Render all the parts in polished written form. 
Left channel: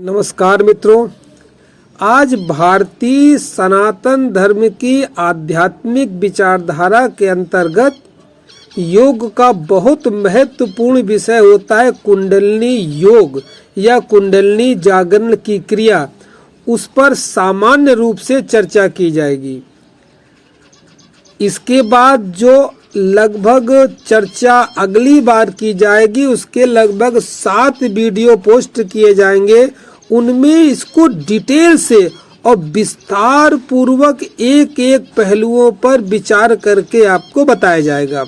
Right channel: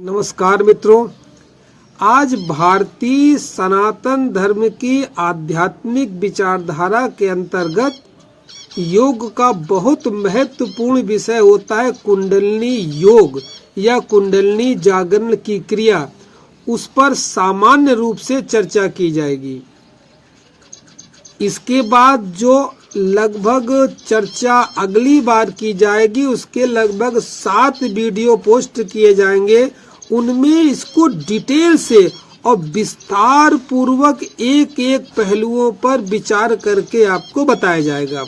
नमस्कार मित्रों, आज भारतीय सनातन धर्म की आध्यात्मिक विचारधारा के अंतर्गत योग का बहुत महत्वपूर्ण विषय होता है कुंडलिनी योग या कुंडलिनी जागरण की क्रिया। उस पर सामान्य रूप से चर्चा की जाएगी। इसके बाद जो लगभग चर्चा अगली बार की जाएगी, उसके लगभग 7 वीडियो पोस्ट किए जाएंगे। उनमें इसको डिटेल से और विस्तार पूर्वक एक एक पहलुओं पर विचार करके आपको बताया जाएगा।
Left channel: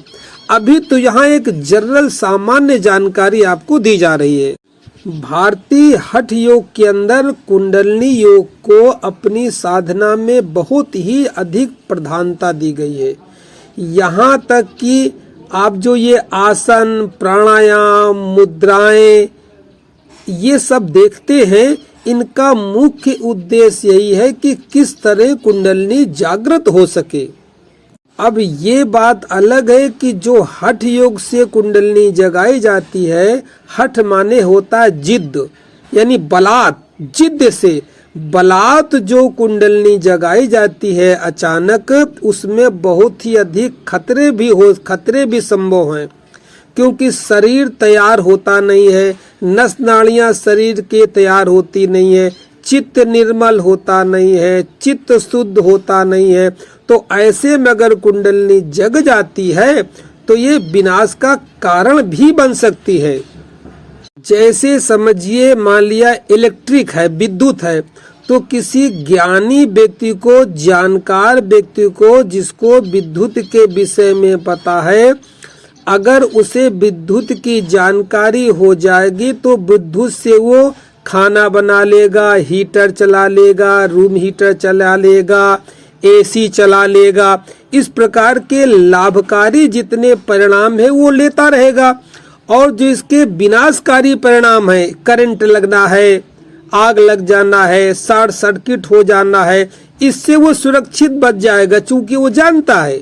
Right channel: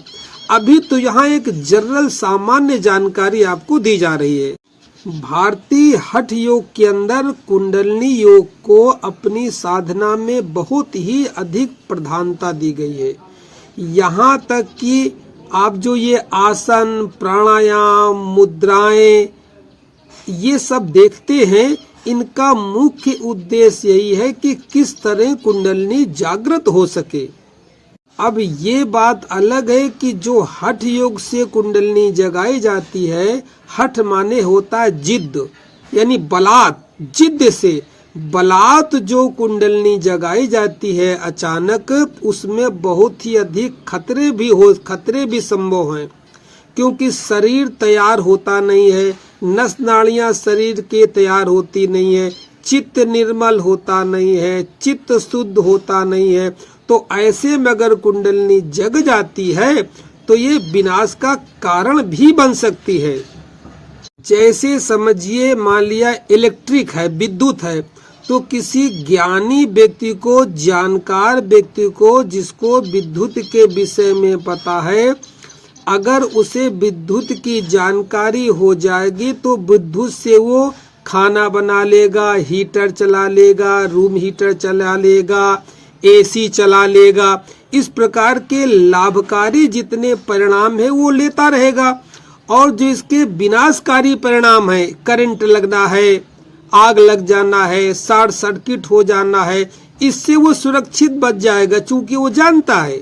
अभी तो यहाँ एक जनरल सामान्य जानकारी आपको दी जा रही है। भारतीय हठ योग के अंदर कुंडलिनी योग को अपनी साधना में बहुत ही अधिक प्रधानता दी गई है। यहाँ तक कि आप जो ये आसन, प्राणायाम, मुद्राएं ये सब देखते हैं, इनका मुख्य उद्देश्य यही है कि किस तरह कुंडलिनी जागृत हो सके। अब ये बात अलग है कि जो हठ योग से कुंडलिनी जगाई जाती है, हठ माने होता है जिद, यानी बलात्, जिद से बलात् जो कुंडलिनी जगाई जाती है अचानक, उसमें बहुत ही अधिक खतरे भी संभव हैं, क्योंकि शरीर तैयार होता नहीं है, नस नाड़ियां शरीर के तैयार होती नहीं है, चित्त निर्मल होता नहीं है, चित्त शुद्ध होता नहीं है। तो ऐसे में अगर कुंडलिनी जग जाती है तो ये विनाश का कारण भी बन सकती है। जैसे समझिए, मान लिया इलेक्ट्रिक है, विद्युत है, तो किसी ज्ञानी व्यक्ति को, जानकार व्यक्ति को, जिसको विद्युत के विषय में पता है, अगर उसे विद्युत की जानकारी हो जाएगी तो विद्युत से वो खाना बना लेगा, हीटर चला लेगा, रूम हीटर चला लेगा, एसी चला लेगा। इस प्रकार के लाभकारी जितने परिणाम है वो लेता रहेगा, और जो इसके विनाशकारी परिणाम है, करंट लगना है, आग लग जाना है, शॉर्ट सर्किट हो जाना है, इससे वो सुरक्षित बच जाएगा, चूंकि वो जानता है।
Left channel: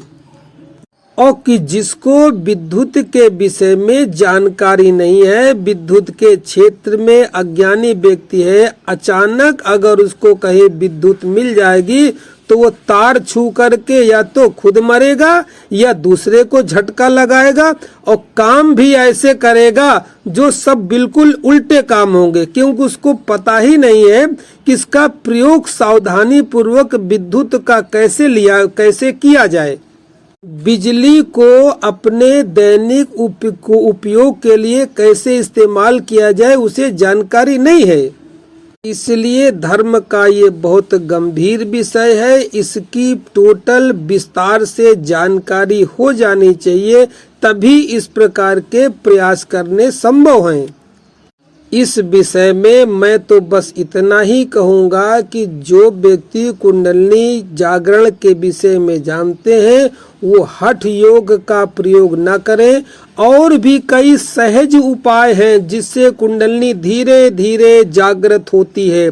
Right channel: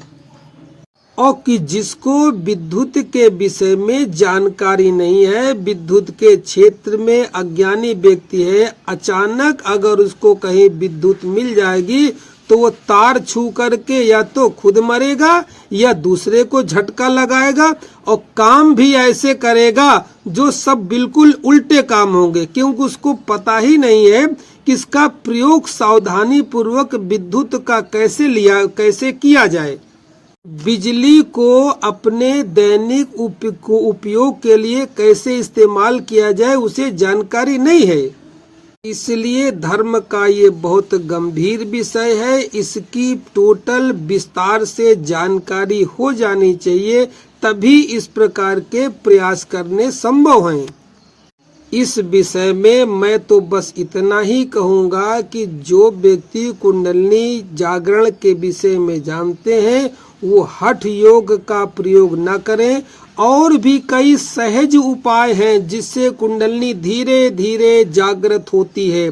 और कि जिसको विद्युत के विषय में जानकारी नहीं है, विद्युत के क्षेत्र में अज्ञानी व्यक्ति है, अचानक अगर उसको कहीं विद्युत मिल जाएगी तो वो तार छू करके या तो खुद मरेगा या दूसरे को झटका लगाएगा, और काम भी ऐसे करेगा जो सब बिल्कुल उल्टे काम होंगे, क्योंकि उसको पता ही नहीं है कि इसका प्रयोग सावधानी पूर्वक विद्युत का कैसे किया जाए। बिजली को अपने दैनिक उपयोग के लिए कैसे इस्तेमाल किया जाए, उसे जानकारी नहीं है। इसलिए धर्म का ये बहुत गंभीर विषय है। इसकी टोटल विस्तार से जानकारी हो जानी चाहिए, तभी इस प्रकार के प्रयास करने संभव हैं। इस विषय में मैं तो बस इतना ही कहूँगा कि जो व्यक्ति कुंडलिनी जागरण के विषय में जानते हैं वो हठ योग का प्रयोग न करें। और भी कई सहज उपाय हैं जिससे कुंडलिनी धीरे धीरे जागृत होती है।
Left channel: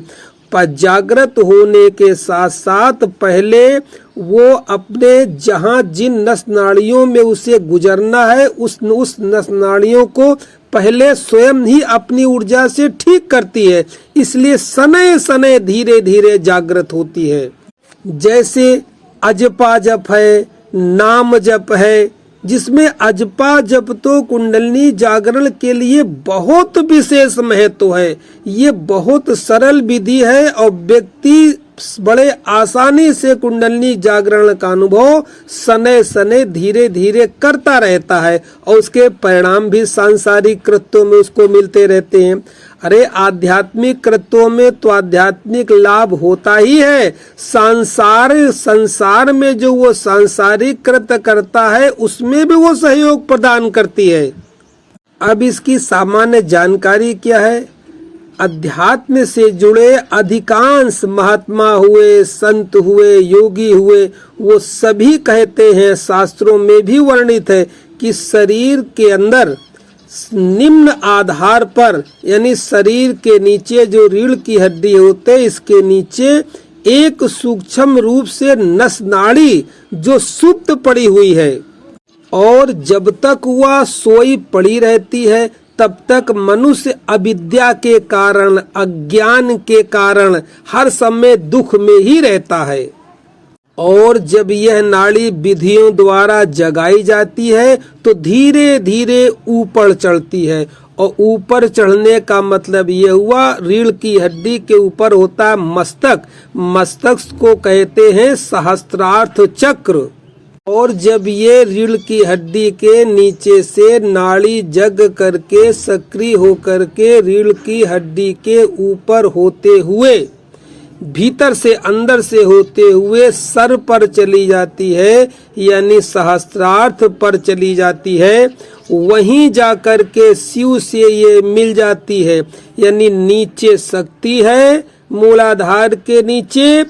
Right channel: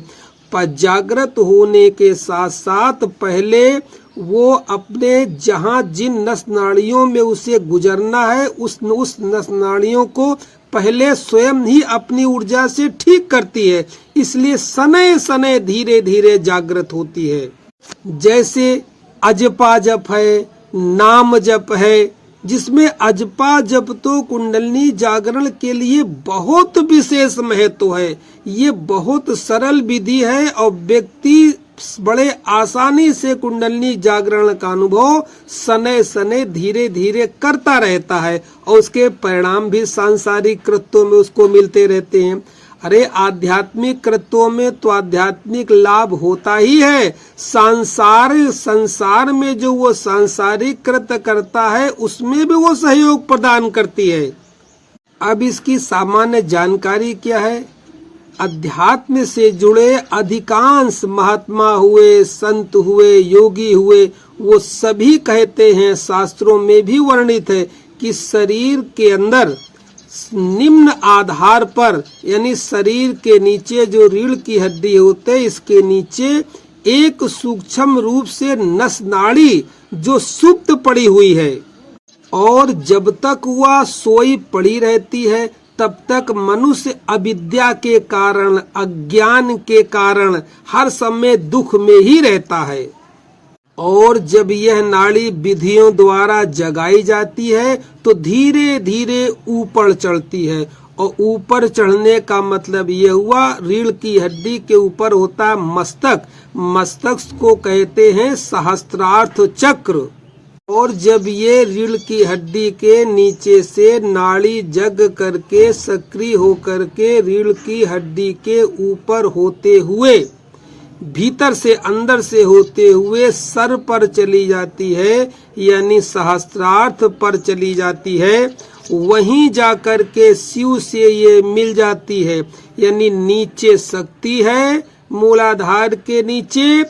पर जागृत होने के साथ साथ पहले वो अपने जहाँ जिन नस नाड़ियों में उसे गुजरना है, उस नस नाड़ियों को पहले स्वयं ही अपनी ऊर्जा से ठीक करती है, इसलिए सनय सनय धीरे धीरे जागृत होती है। जैसे अजपा जप है, नाम जप है, जिसमें अजपा जप तो कुंडलिनी जागरण के लिए बहुत विशेष महत्व है। ये बहुत सरल विधि है और व्यक्ति बड़े आसानी से कुंडलिनी जागरण का अनुभव सनय सनय धीरे धीरे करता रहता है, और उसके परिणाम भी सांसारिक कृत्यों में उसको मिलते रहते हैं। अरे आध्यात्मिक कृत्यों में तो आध्यात्मिक लाभ होता ही है, संसार में जो वो सांसारिक कृत्य करता है उसमें भी वो सहयोग प्रदान करती है। अब इसकी सामान्य जानकारी क्या है? अध्यात्म से जुड़े अधिकांश महात्मा हुए, संत हुए, योगी हुए, वो सभी कहते हैं, शास्त्रों में भी वर्णित है कि शरीर के अंदर निम्न आधार पर, यानी शरीर के नीचे जो रीढ़ की हड्डी होते है, इसके नीचे एक सूक्ष्म रूप से नस नाड़ी जो सुप्त पड़ी हुई है, और जब तक वह सोई पड़ी रहती है तब तक मनुष्य अविद्या के कारण, अज्ञान के कारण हर समय दुख में ही रहता है। और जब यह नाड़ी विधियों द्वारा जगाई जाती है तो धीरे धीरे ऊपर चढ़ती है। और ऊपर चढ़ने का मतलब ये हुआ, रीढ़ की हड्डी के ऊपर होता है मस्तक, मस्तक को कहते हैं सहस्त्रार्थ चक्र। और जब ये रीढ़ की हड्डी के नीचे से नाड़ी जग करके सक्रिय होकर के रीढ़ की हड्डी के ऊपर होते हुए, भीतर से अंदर से होते हुए सर पर चली जाती है, यानी सहस्त्रार्थ पर चली जाती है, वहीं जाकर के शिव से ये मिल जाती है। यानी नीचे शक्ति है मूलाधार के नीचे,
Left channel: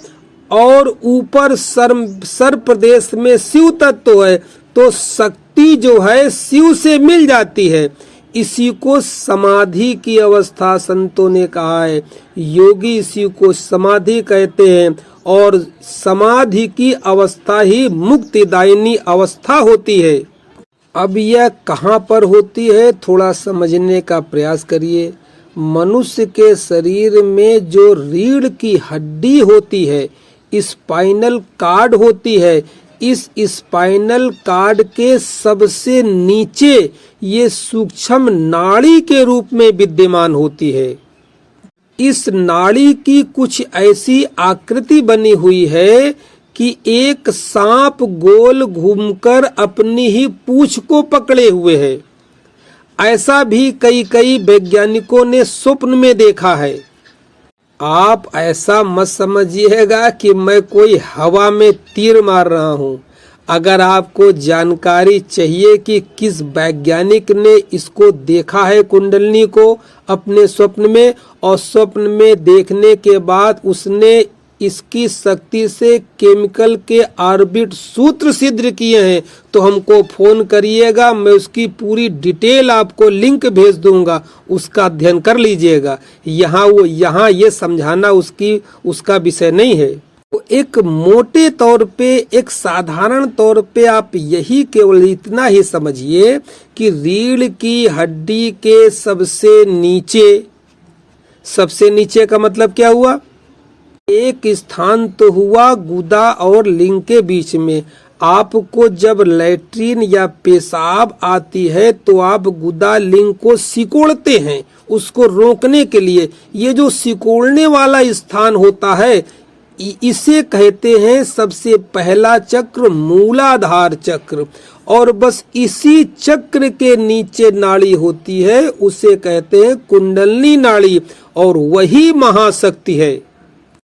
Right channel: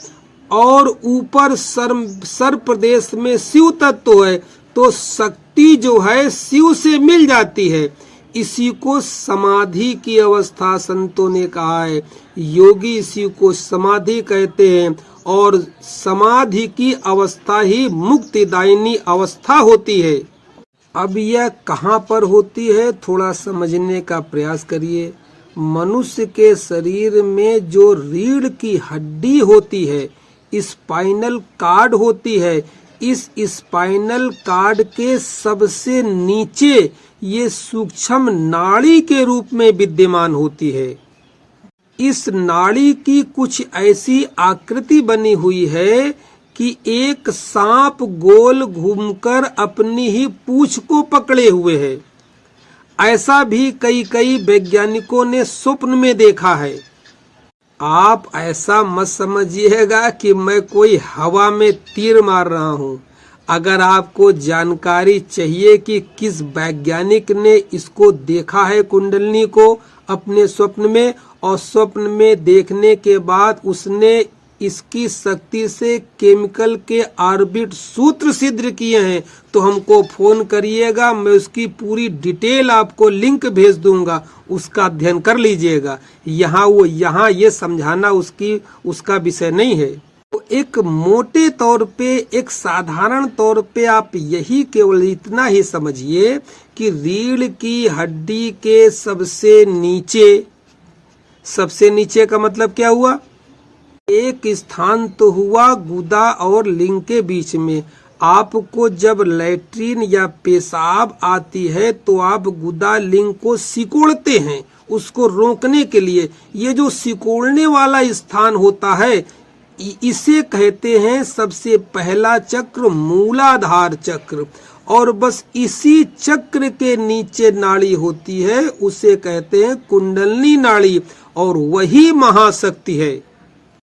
और ऊपर सर प्रदेश में शिव तत्व है, तो शक्ति जो है शिव से मिल जाती है। इसी को समाधि की अवस्था संतों ने कहा है। योगी इसी को समाधि कहते हैं, और समाधि की अवस्था ही मुक्तिदायिनी अवस्था होती है। अब यह कहाँ पर होती है, थोड़ा समझने का प्रयास करिए। मनुष्य के शरीर में जो रीढ़ की हड्डी होती है, स्पाइनल कार्ड होती है, इस स्पाइनल कार्ड के सबसे नीचे ये सूक्ष्म नाड़ी के रूप में विद्यमान होती है। इस नाड़ी की कुछ ऐसी आकृति बनी हुई है कि एक सांप गोल घूमकर अपनी ही पूंछ को पकड़े हुए है। ऐसा भी कई वैज्ञानिकों ने स्वप्न में देखा है। आप ऐसा मत समझिएगा कि मैं कोई हवा में तीर मार रहा हूँ। अगर आपको जानकारी चाहिए कि किस वैज्ञानिक ने इसको देखा है कुंडलिनी को अपने स्वप्न में, और स्वप्न में देखने के बाद उसने इसकी शक्ति से केमिकल के ऑर्बिट सूत्र सिद्ध किए हैं, तो हमको फोन करिएगा, मैं उसकी पूरी डिटेल आपको लिंक भेज दूंगा, उसका अध्ययन कर लीजिएगा। यहाँ ये समझाना उसका विषय नहीं है। तो एक मोटे तौर पे, एक साधारण तौर पे आप यही केवल इतना ही समझिए कि रीढ़ की हड्डी के सबसे नीचे का मतलब क्या हुआ, एक स्थान तो हुआ गुदा और लिंग के बीच में। आपको जब लैट्रीन या पेशाब आती है तो आप गुदा लिंग को सिकोड़ते हैं उसको रोकने के लिए। ये जो सिकोड़ने वाला स्थान होता है, इसे कहते हैं सबसे पहला चक्र मूलाधार चक्र। और बस इसी चक्र के नीचे नाड़ी होती है, उसे कहते हैं कुंडलिनी नाड़ी, और वही महाशक्ति है।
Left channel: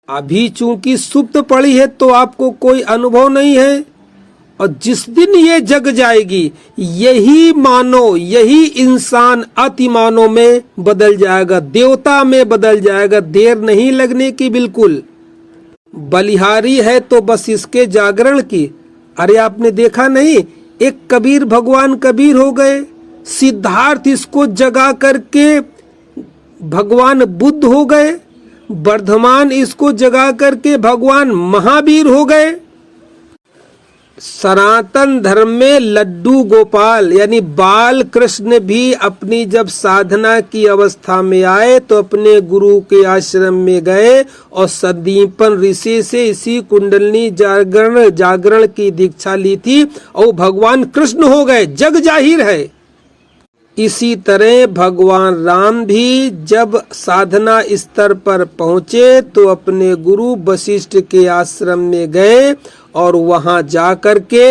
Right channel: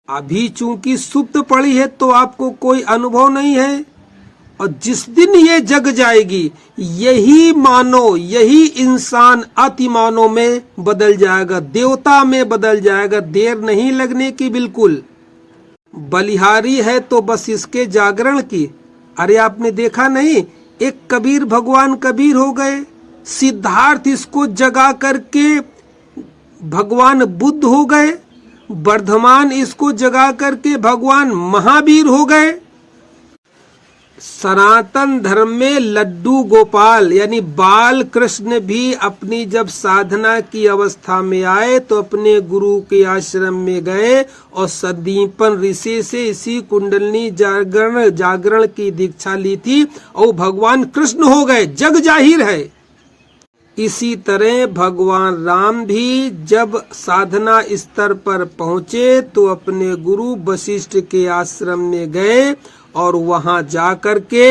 अभी चूंकि सुप्त पड़ी है तो आपको कोई अनुभव नहीं है, और जिस दिन ये जग जाएगी यही इंसान अति मानव में बदल जाएगा, देवता में बदल जाएगा। देर नहीं लगने की बिल्कुल। बलिहारी है तो बस इसके जागरण की। अरे आपने देखा नहीं, एक कबीर भगवान कबीर हो गए, सिद्धार्थ इसको जगा करके भगवान बुद्ध हो गए, वर्धमान इसको जगा करके भगवान महावीर हो गए। सनातन धर्म में लड्डू गोपाल यानी बाल कृष्ण भी अपनी जब साधना की अवस्था में आए तो अपने गुरु के आश्रम में गए और संदीपन ऋषि से इसी कुंडलिनी जागरण की दीक्षा ली थी और भगवान कृष्ण हो गए, जग जाहिर है। इसी तरह भगवान राम भी जब साधना स्तर पर पहुँचे तो अपने गुरु वशिष्ठ के आश्रम में गए और वहां जाकर के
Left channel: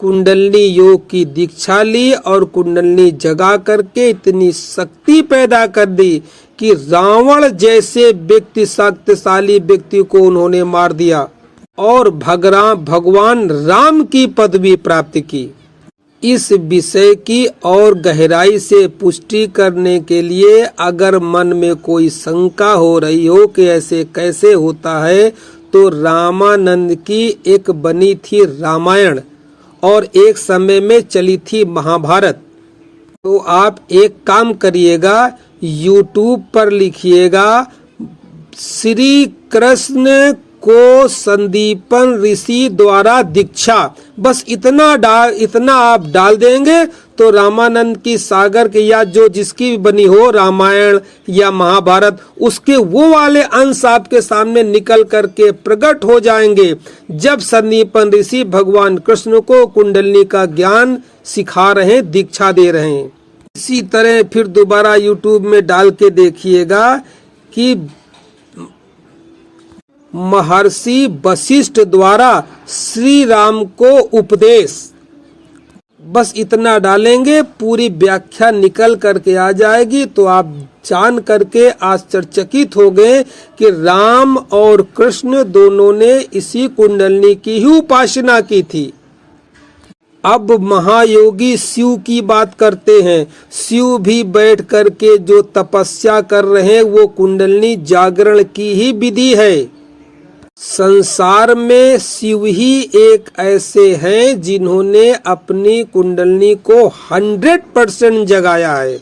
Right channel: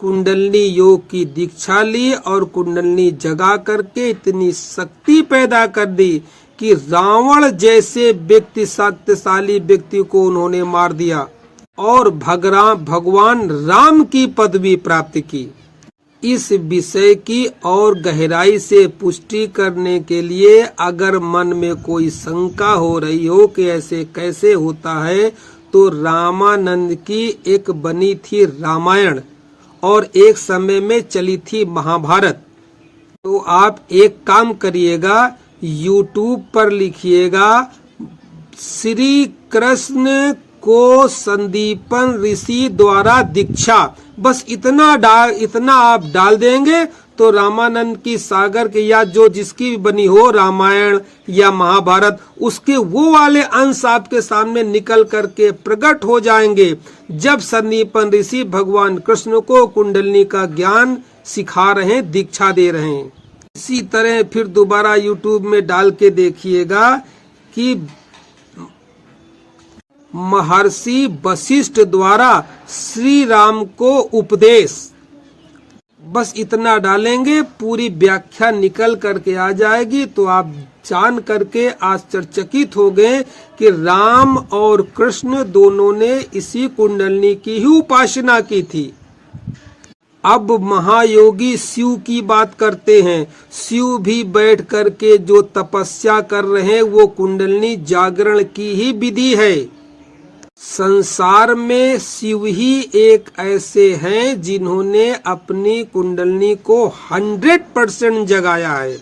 कुंडलिनी योग की दीक्षा ली और कुंडलिनी जगा करके इतनी शक्ति पैदा कर दी कि रावण जैसे व्यक्ति, शक्तिशाली व्यक्ति को उन्होंने मार दिया और भगवान राम की पदवी प्राप्त की। इस विषय की और गहराई से पुष्टि करने के लिए अगर मन में कोई शंका हो रही हो कि ऐसे कैसे होता है, तो रामानंद की एक बनी थी रामायण और एक समय में चली थी महाभारत। तो आप एक काम करिएगा, यूट्यूब पर लिखिएगा श्री कृष्ण को संदीपन ऋषि द्वारा दीक्षा, बस इतना आप डाल देंगे तो रामानंद की सागर की या जो जिसकी भी बनी हो रामायण या महाभारत, उसके वो वाले अंश आपके सामने निकल करके प्रकट हो जाएंगे जब सन्नीपन ऋषि भगवान कृष्ण को कुंडलिनी का ज्ञान सिखा रहे हैं, दीक्षा दे रहे हैं। इसी तरह फिर दोबारा YouTube में डाल के देखिएगा कि महर्षि वशिष्ठ द्वारा श्री राम को उपदेश, बस इतना डालेंगे पूरी व्याख्या निकल करके आ जाएगी। तो आप जान करके आश्चर्यचकित हो गए कि राम और कृष्ण दोनों ने इसी कुंडलिनी की ही उपासना की थी। अब महायोगी शिव की बात करते हैं। शिव भी बैठ करके जो तपस्या कर रहे हैं वो कुंडलिनी जागरण की ही विधि है। संसार में शिव ही एक ऐसे हैं जिन्होंने अपनी कुंडलिनी को 100% जगाया है।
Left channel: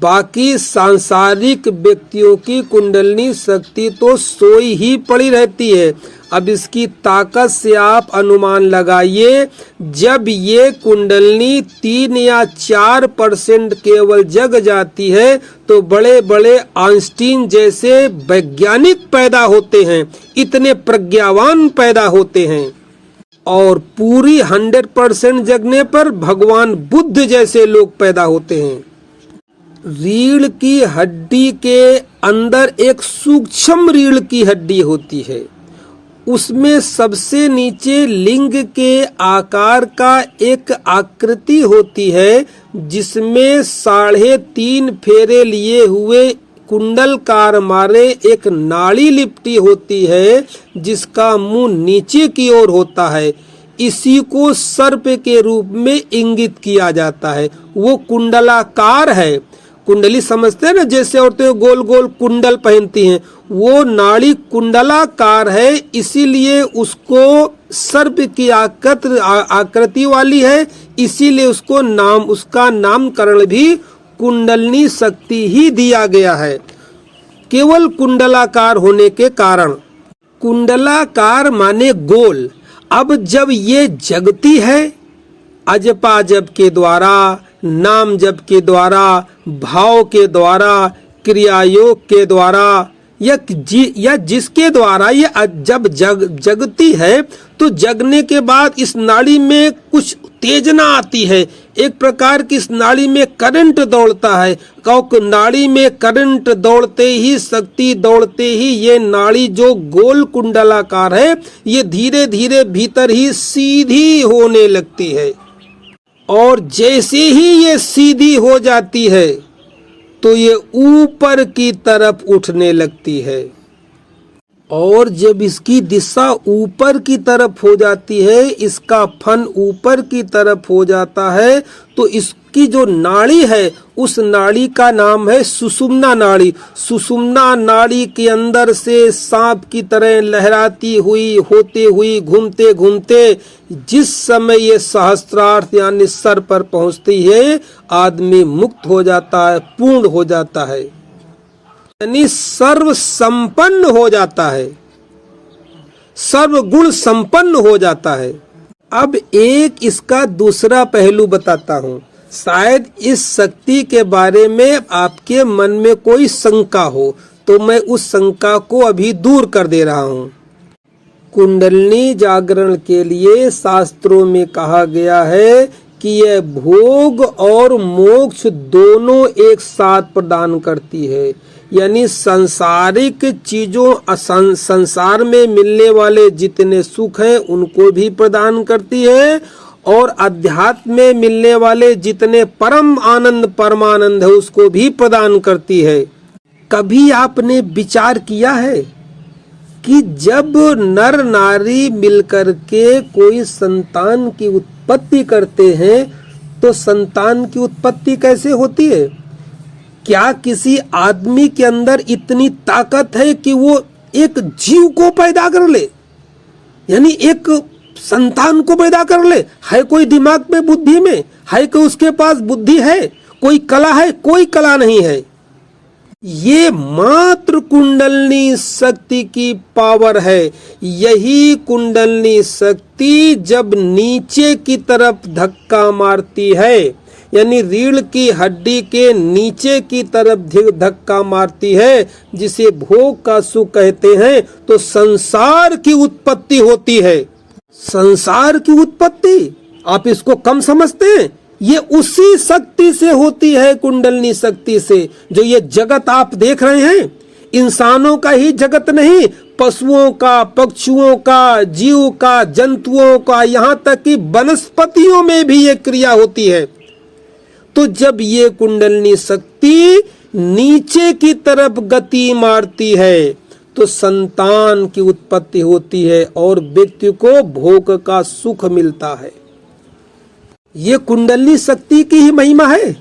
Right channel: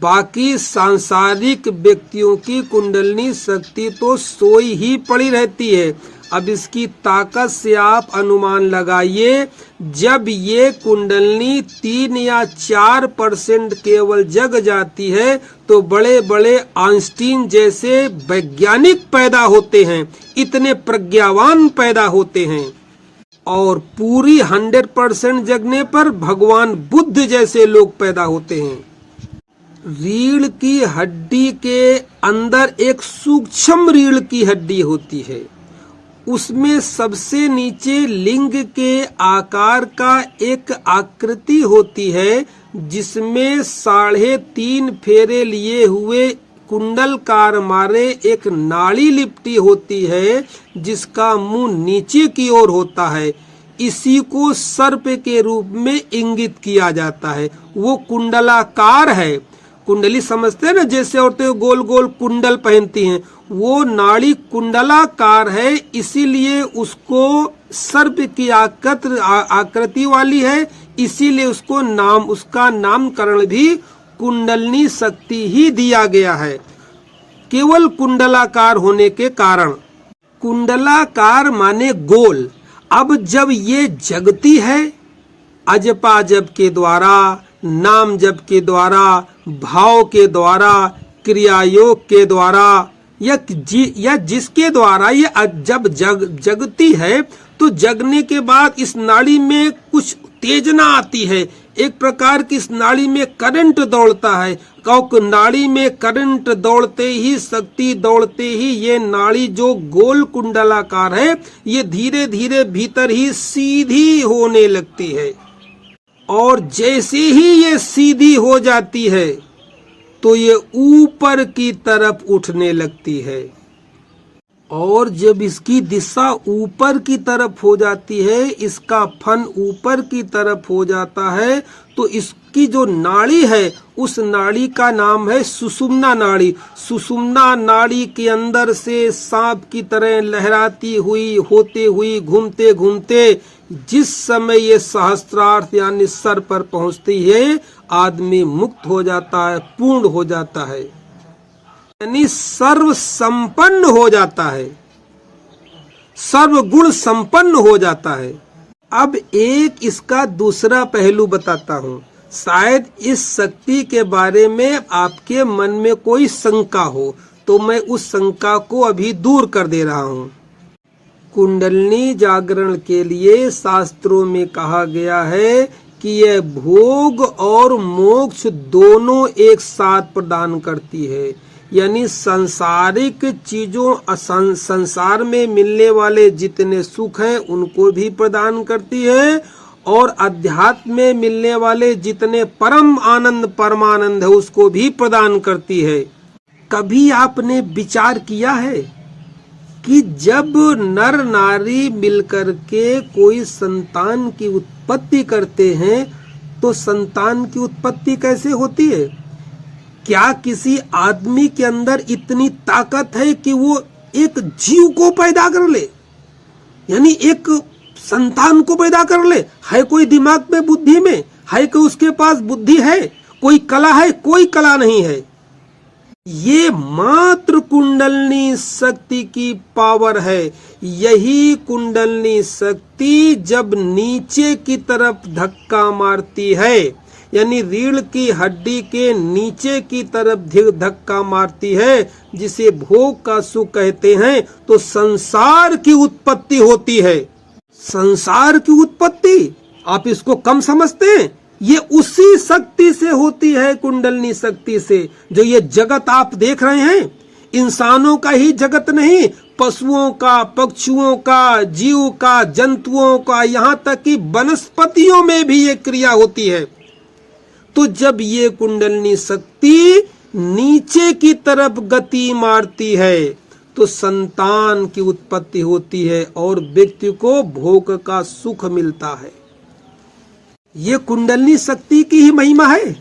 बाकी सांसारिक व्यक्तियों की कुंडलिनी शक्ति तो सोई ही पड़ी रहती है। अब इसकी ताकत से आप अनुमान लगाइए, जब ये कुंडलिनी 3 या 4% केवल जग जाती है तो बड़े बड़े आइंस्टीन जैसे वैज्ञानिक पैदा होते हैं, इतने प्रज्ञावान पैदा होते हैं। और पूरी 100% जगने पर भगवान बुद्ध जैसे लोग पैदा होते हैं। रीढ़ की हड्डी के अंदर एक सूक्ष्म रीढ़ की हड्डी होती है, उसमें सबसे नीचे लिंग के आकार का एक आकृति होती है जिसमें 3.5 फेरे लिए हुए कुंडलकार मारे एक नाड़ी लिपटी होती है जिसका मुंह नीचे की ओर होता है। इसी को सर्प के रूप में इंगित किया जाता है। वो कुंडलाकार है। कुंडली समझते हैं ना, जैसे औरतें गोल गोल कुंडल पहनती हैं, वो नाड़ी कुंडलाकार है, इसीलिए उसको सर्प की आकृति वाली है, इसीलिए उसका नामकरण भी कुंडलिनी शक्ति ही दिया गया है, केवल कुंडलाकार होने के कारण। कुंडलाकार माने गोल। अब जब ये जगती है अजपा जप के द्वारा, नाम जप के द्वारा, भाव के द्वारा, क्रिया योग के द्वारा या जिसके द्वारा ये जब जगती है तो जगने के बाद इस नाड़ी में कुछ उत्तेजना आती है, एक प्रकार की इस नाड़ी में करंट दौड़ता है। नाड़ी में करंट दौड़ते ही, शक्ति दौड़ते ही ये नाड़ी जो गोल कुंडलाकार है ये धीरे धीरे भीतर ही सीधी होने लगती है। और जैसे ही ये सीधी हो जाती है तो ये ऊपर की तरफ उठने लगती है। और जब इसकी दिशा ऊपर की तरफ हो जाती है, इसका फन ऊपर की तरफ हो जाता है, तो इसकी जो नाड़ी है उस नाड़ी का नाम है सुषुम्ना नाड़ी। सुषुम्ना नाड़ी के अंदर से सांप की तरह लहराती हुई, होते हुई, घूमते घूमते जिस समय ये सहस्त्रार्थ यानी सर पर पहुंचती है, आदमी मुक्त हो जाता है, पूर्ण हो जाता है, यानी सर्व संपन्न हो जाता है, सर्व गुण संपन्न हो जाता है। अब एक इसका दूसरा पहलू बताता हूँ, शायद इस शक्ति के बारे में आपके मन में कोई शंका हो, तो मैं उस शंका को अभी दूर कर दे रहा हूँ। कुंडलिनी जागरण के लिए शास्त्रों में कहा गया है कि यह भोग और मोक्ष दोनों एक साथ प्रदान करती है, यानी सांसारिक चीजों, संसार में मिलने वाले जितने सुख हैं उनको भी प्रदान करती है, और अध्यात्म में मिलने वाले जितने परम आनंद, परमानंद है उसको भी प्रदान करती है। कभी आपने विचार किया है कि जब नर नारी मिलकर के कोई संतान की उत्पत्ति करते हैं तो संतान की उत्पत्ति कैसे होती है? क्या किसी आदमी के अंदर इतनी ताकत है कि वो एक जीव को पैदा कर ले, यानी एक संतान को पैदा कर ले? है कोई दिमाग में, बुद्धि में है कि उसके पास बुद्धि है, कोई कला है? कोई कला नहीं है। ये मात्र कुंडलनी शक्ति की पावर है। यही कुंडलनी शक्ति जब नीचे की तरफ धक्का मारती है, यानी रीढ़ की हड्डी के नीचे की तरफ धक्का मारती है, जिसे भोग का सुख कहते हैं, तो संसार की उत्पत्ति होती है। संसार की उत्पत्ति आप इसको कम समझते हैं, ये उसी शक्ति से होती है, कुंडलनी शक्ति से। जो ये जगत आप देख रहे हैं, इंसानों का ही जगत नहीं, पशुओं का, पक्षियों का, जीव का, जंतुओं का, यहाँ तक कि वनस्पतियों में भी ये क्रिया होती है। तो जब ये कुंडलनी शक्ति नीचे की तरफ गति मारती है तो संतान की उत्पत्ति होती है और व्यक्ति को भोग का सुख मिलता है। ये कुंडलनी शक्ति की ही महिमा है।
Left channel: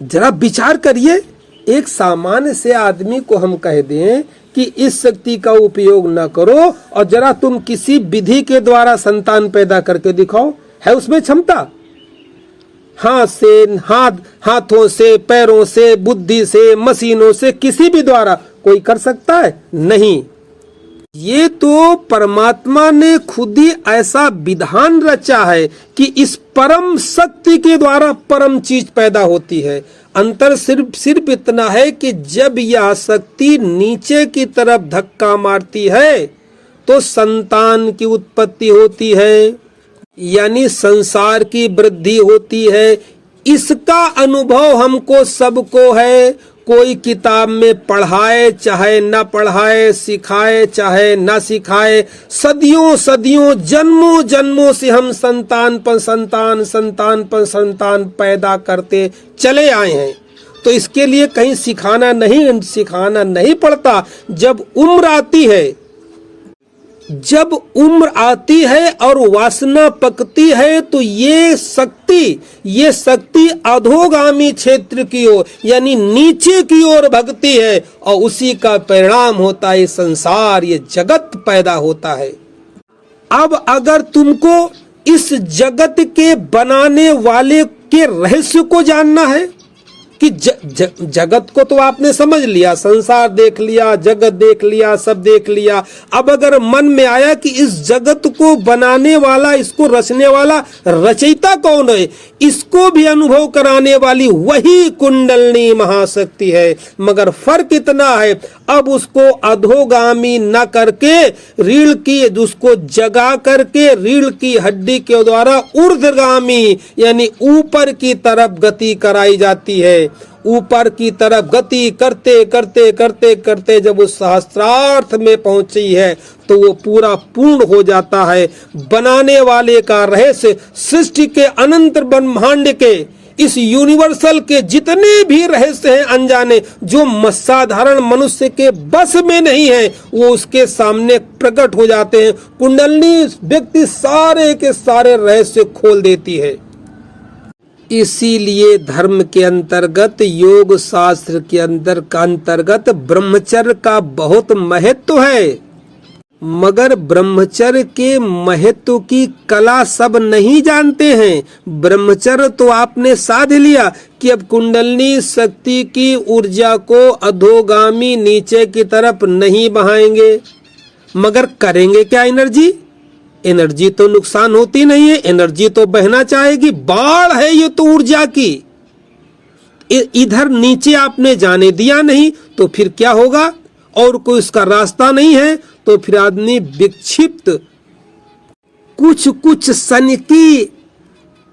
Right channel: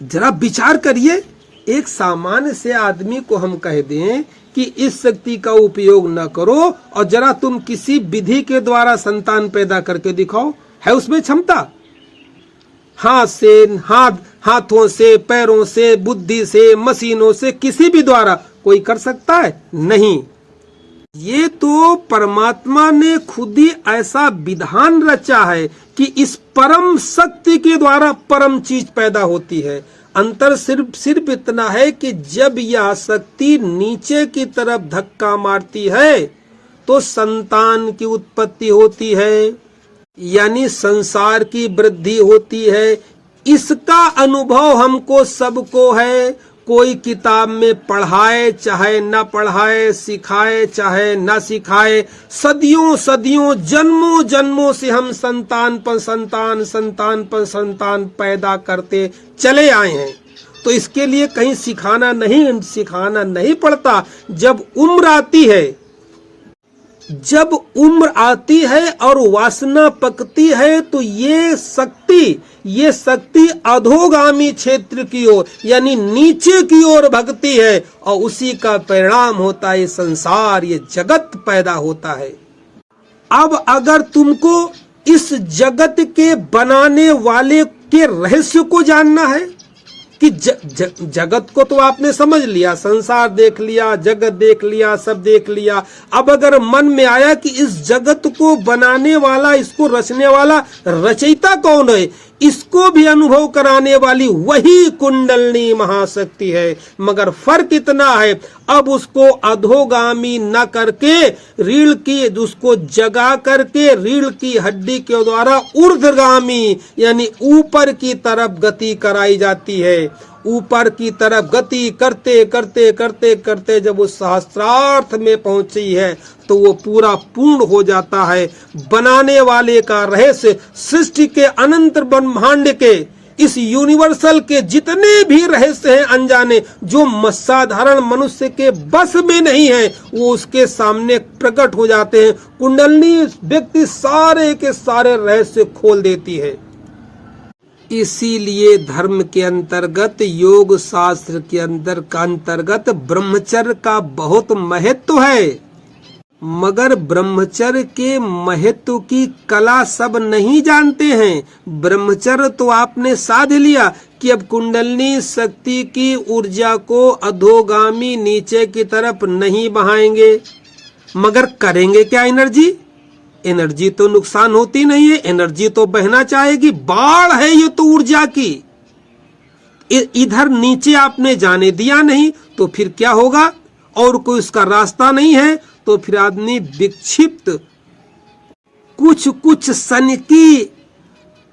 जरा विचार करिए, एक सामान्य से आदमी को हम कह दें कि इस शक्ति का उपयोग न करो और जरा तुम किसी विधि के द्वारा संतान पैदा करके दिखाओ, है उसमें क्षमता? हाथों से, पैरों से, बुद्धि से, मशीनों से, किसी भी द्वारा कोई कर सकता है? नहीं। ये तो परमात्मा ने खुद ही ऐसा विधान रचा है कि इस परम शक्ति के द्वारा परम चीज पैदा होती है। अंतर सिर्फ इतना है कि जब यह शक्ति नीचे की तरफ धक्का मारती है तो संतान की उत्पत्ति होती है, यानी संसार की वृद्धि होती है। इसका अनुभव हमको सबको है। कोई किताब में पढ़ाए चाहे न पढ़ाए, सिखाए चाहे न सिखाए, सदियों जन्मों जन्मों से हम संतान पर संतान पैदा करते चले आए हैं। तो इसके लिए कहीं सिखाना नहीं पड़ता। जब उम्र आती है और वासना पकती है तो ये शक्ति अधोगामी क्षेत्र की ओर, यानी नीचे की ओर भगती है और उसी का परिणाम होता है संसार, ये जगत पैदा होता है। अब अगर तुमको इस जगत के बनाने वाले के रहस्य को जानना है कि जगत को तो आपने समझ लिया, संसार देख लिया, जगत देख लिया, सब देख लिया। अब अगर मन में आया कि इस जगत को बनाने वाला, इसको रचने वाला रचयिता कौन है, इसको भी अनुभव कराने वाली वही कुंडलनी महाशक्ति है। मगर फर्क इतना है, अब उसको अधोगामी न करके रीढ़ की, उसको जगा करके रीढ़ की हड्डी के द्वारा ऊर्ध्वगामी, यानी ऊपर की तरफ गति कराई जाती है। ऊपर की तरफ गति करते करते करते करते जब उस सहस्त्रार्थ में पहुंची है तो वो पूरा पूर्ण हो जाता है। बनाने वाले का रहस्य, सृष्टि के अनंत ब्रह्मांड के, इस यूनिवर्सल के जितने भी रहस्य हैं अनजाने, जो साधारण मनुष्य के बस में नहीं है, वो उसके सामने प्रकट हो जाते हैं। कुंडलनी व्यक्ति सारे के सारे रहस्य खोल देती है। इसीलिए धर्म के अंतर्गत, योग शास्त्र के अंतर्गत ब्रह्मचर्य का बहुत महत्व है। मगर ब्रह्मचर्य के महत्व की कला सब नहीं जानते हैं। ब्रह्मचर्य तो आपने साध लिया कि अब कुंडलनी शक्ति की ऊर्जा को अधोगामी नीचे की तरफ नहीं बहाएंगे, मगर करेंगे क्या? एनर्जी तो नुकसान होती नहीं है, एनर्जी तो बहना चाहेगी। बाढ़ है ये तो ऊर्जा की, इधर नीचे आपने जाने दिया नहीं तो फिर क्या होगा? और कोई उसका रास्ता नहीं है तो फिर आदमी विक्षिप्त, कुछ सनकी,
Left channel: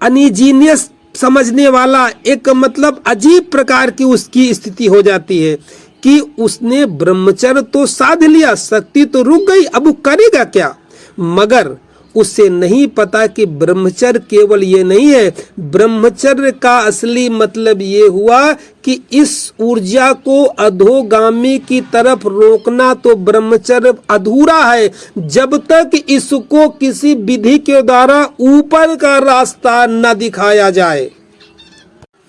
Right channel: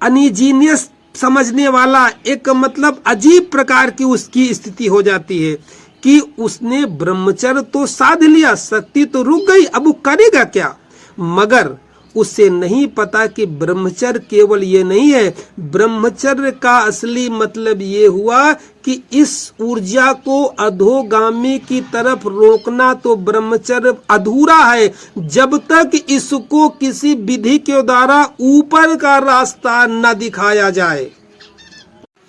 अनइजीनियस समझने वाला, एक मतलब अजीब प्रकार की उसकी स्थिति हो जाती है कि उसने ब्रह्मचर्य तो साध लिया, शक्ति तो रुक गई, अब वो करेगा क्या? मगर उसे नहीं पता कि ब्रह्मचर्य केवल ये नहीं है। ब्रह्मचर्य का असली मतलब ये हुआ कि इस ऊर्जा को अधोगामी की तरफ रोकना तो ब्रह्मचर्य अधूरा है जब तक इसको किसी विधि के द्वारा ऊपर का रास्ता न दिखाया जाए।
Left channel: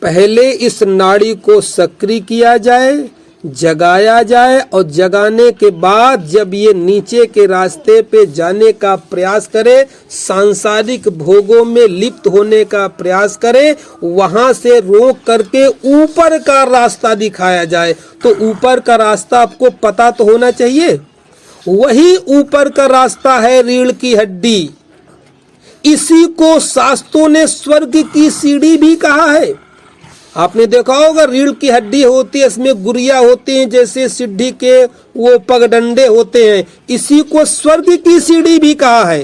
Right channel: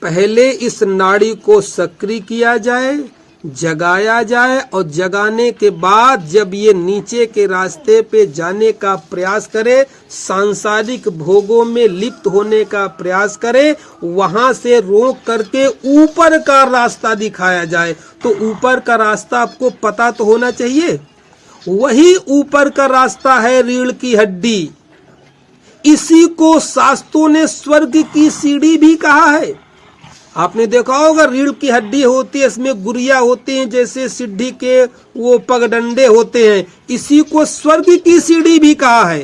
पहले इस नाड़ी को सक्रिय किया जाए, जगाया जाए और जगाने के बाद जब ये नीचे के रास्ते पे जाने का प्रयास करे, सांसारिक भोगों में लिप्त होने का प्रयास करे, वहां से रोक करके ऊपर का रास्ता दिखाया जाए। तो ऊपर का रास्ता आपको पता तो होना चाहिए। वही ऊपर का रास्ता है रीढ़ की हड्डी। इसी को शास्त्रों ने स्वर्ग की सीढ़ी भी कहा है। आपने देखा होगा रीढ़ की हड्डी होती है, इसमें गुड़िया होती हैं, जैसे सिद्धि के वो पगडंडे होते हैं। इसी को स्वर्ग की सीढ़ी भी कहा है।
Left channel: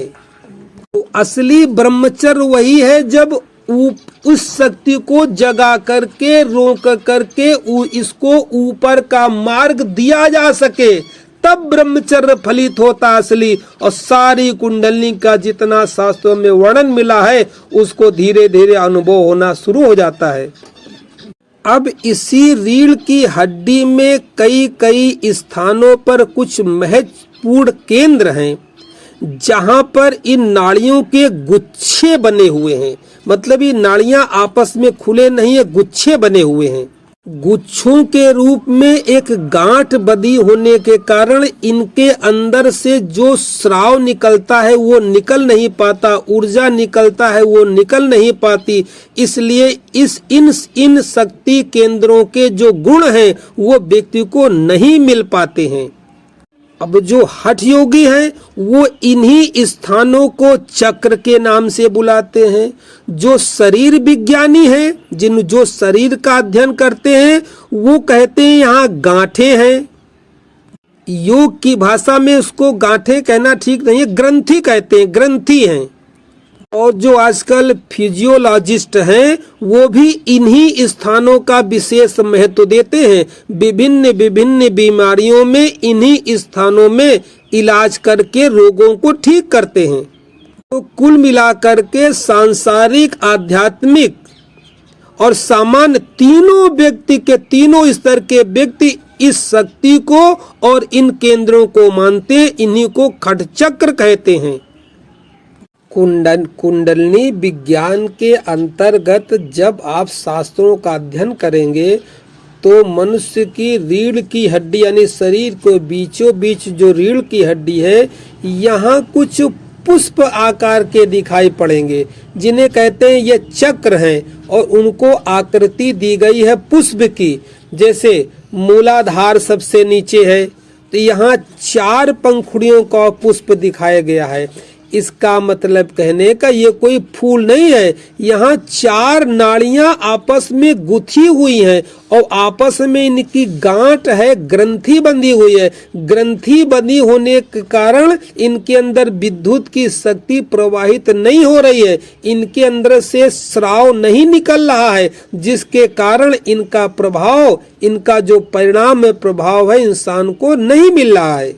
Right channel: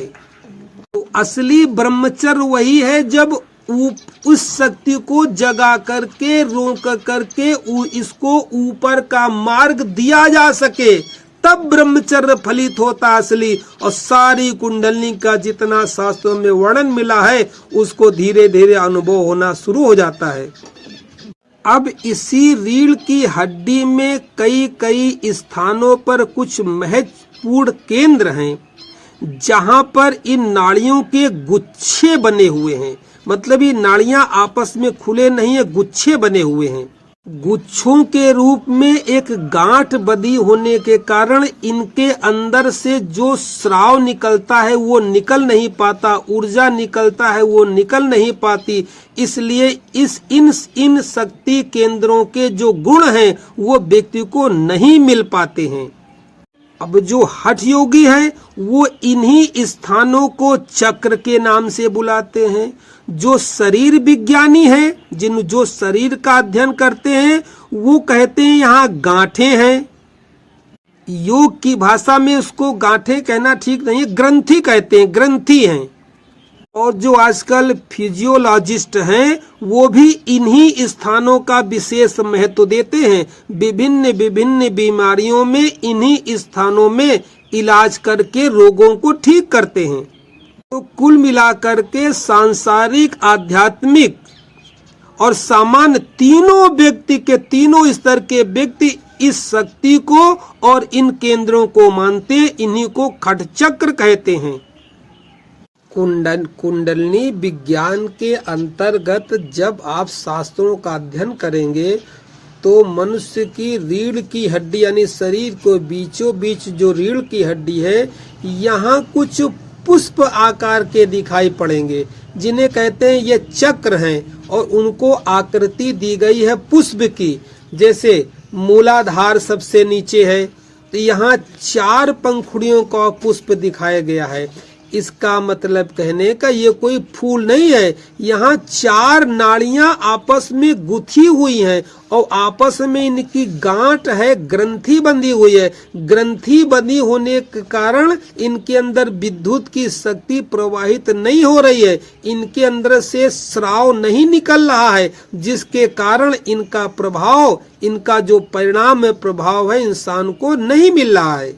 तो असली ब्रह्मचर्य वही है जब उस शक्ति को जगा करके रोक करके इसको ऊपर का मार्ग दिया जा सके, तब ब्रह्मचर्य फलित होता असली। और सारी कुंडलिनी का जितना शास्त्रों में वर्णन मिला है उसको धीरे धीरे अनुभव होना शुरू हो जाता है। अब इसी रीढ़ की हड्डी में कई कई स्थानों पर कुछ महत्वपूर्ण केंद्र हैं जहां पर इन नाड़ियों के गुच्छे बने हुए हैं। मतलब ये नाड़ियां आपस में खुले नहीं है, गुच्छे बने हुए हैं। गुच्छों के रूप में एक गांठ बंधी होने के कारण इनके अंदर से जो स्राव निकलता है वो निकल नहीं पाता, ऊर्जा निकलता है वो निकल नहीं पाती। इसलिए इन शक्ति केंद्रों के जो गुण हैं वो व्यक्ति को नहीं मिल पाते हैं। अब जो हठ योगी हैं वो इन्हीं स्थानों को चक्र के नाम से बुलाते हैं। जो शरीर विज्ञानी हैं, जो शरीर का अध्ययन करते हैं, वो कहते हैं यहाँ गांठें हैं। योग की भाषा में उसको गांठें कहना ठीक नहीं है, ग्रंथि कहते हैं, ग्रंथि हैं। और जो आजकल फिजियोलॉजिस्ट हैं वो भी इन्हीं स्थानों का विशेष महत्व देते हैं। विभिन्न विभिन्न बीमारियों में इन्हीं स्थानों में इलाज करके रोगों को ठीक करते हैं। तो कुल मिलाकर के सांसारिक, आध्यात्मिक और सामान्य तीनों व्यक्ति के, तीनों स्तर के व्यक्ति इस शक्ति को और इन केंद्रों को मानते हैं। इन्हीं को खटचक्र कहते हैं। कुंडलिनी विज्ञान के अंतर्गत जब आप शास्त्रों का अध्ययन करेंगे तो मनुष्य की रीढ़ की हड्डी यानी शरीर को बीचों बीच जो रीढ़ की हड्डी है, यहाँ कुछ पुष्प आकार के दिखाई पड़ेंगे जिन्हें कहते हैं ये चक्र हैं। और उनको आकृति दी गई है पुष्प की। जैसे मूलाधार सबसे नीचे है तो यहाँ 4 पंखुड़ियों का पुष्प दिखाया गया है। इसका मतलब कहने का ये कोई फूल नहीं है, यहाँ 4 नाड़ियां आपस में गुथी हुई हैं और आपस में इनकी गांठ है, ग्रंथि बंधी हुई है। ग्रंथि बंधी होने के कारण इनके अंदर विद्युत की शक्ति प्रवाहित नहीं हो रही है, इनके अंदर से स्राव नहीं निकल रहा है, जिसके कारण इनका प्रभाव, इनका जो परिणाम प्रभाव है इंसान को नहीं मिल रहा है।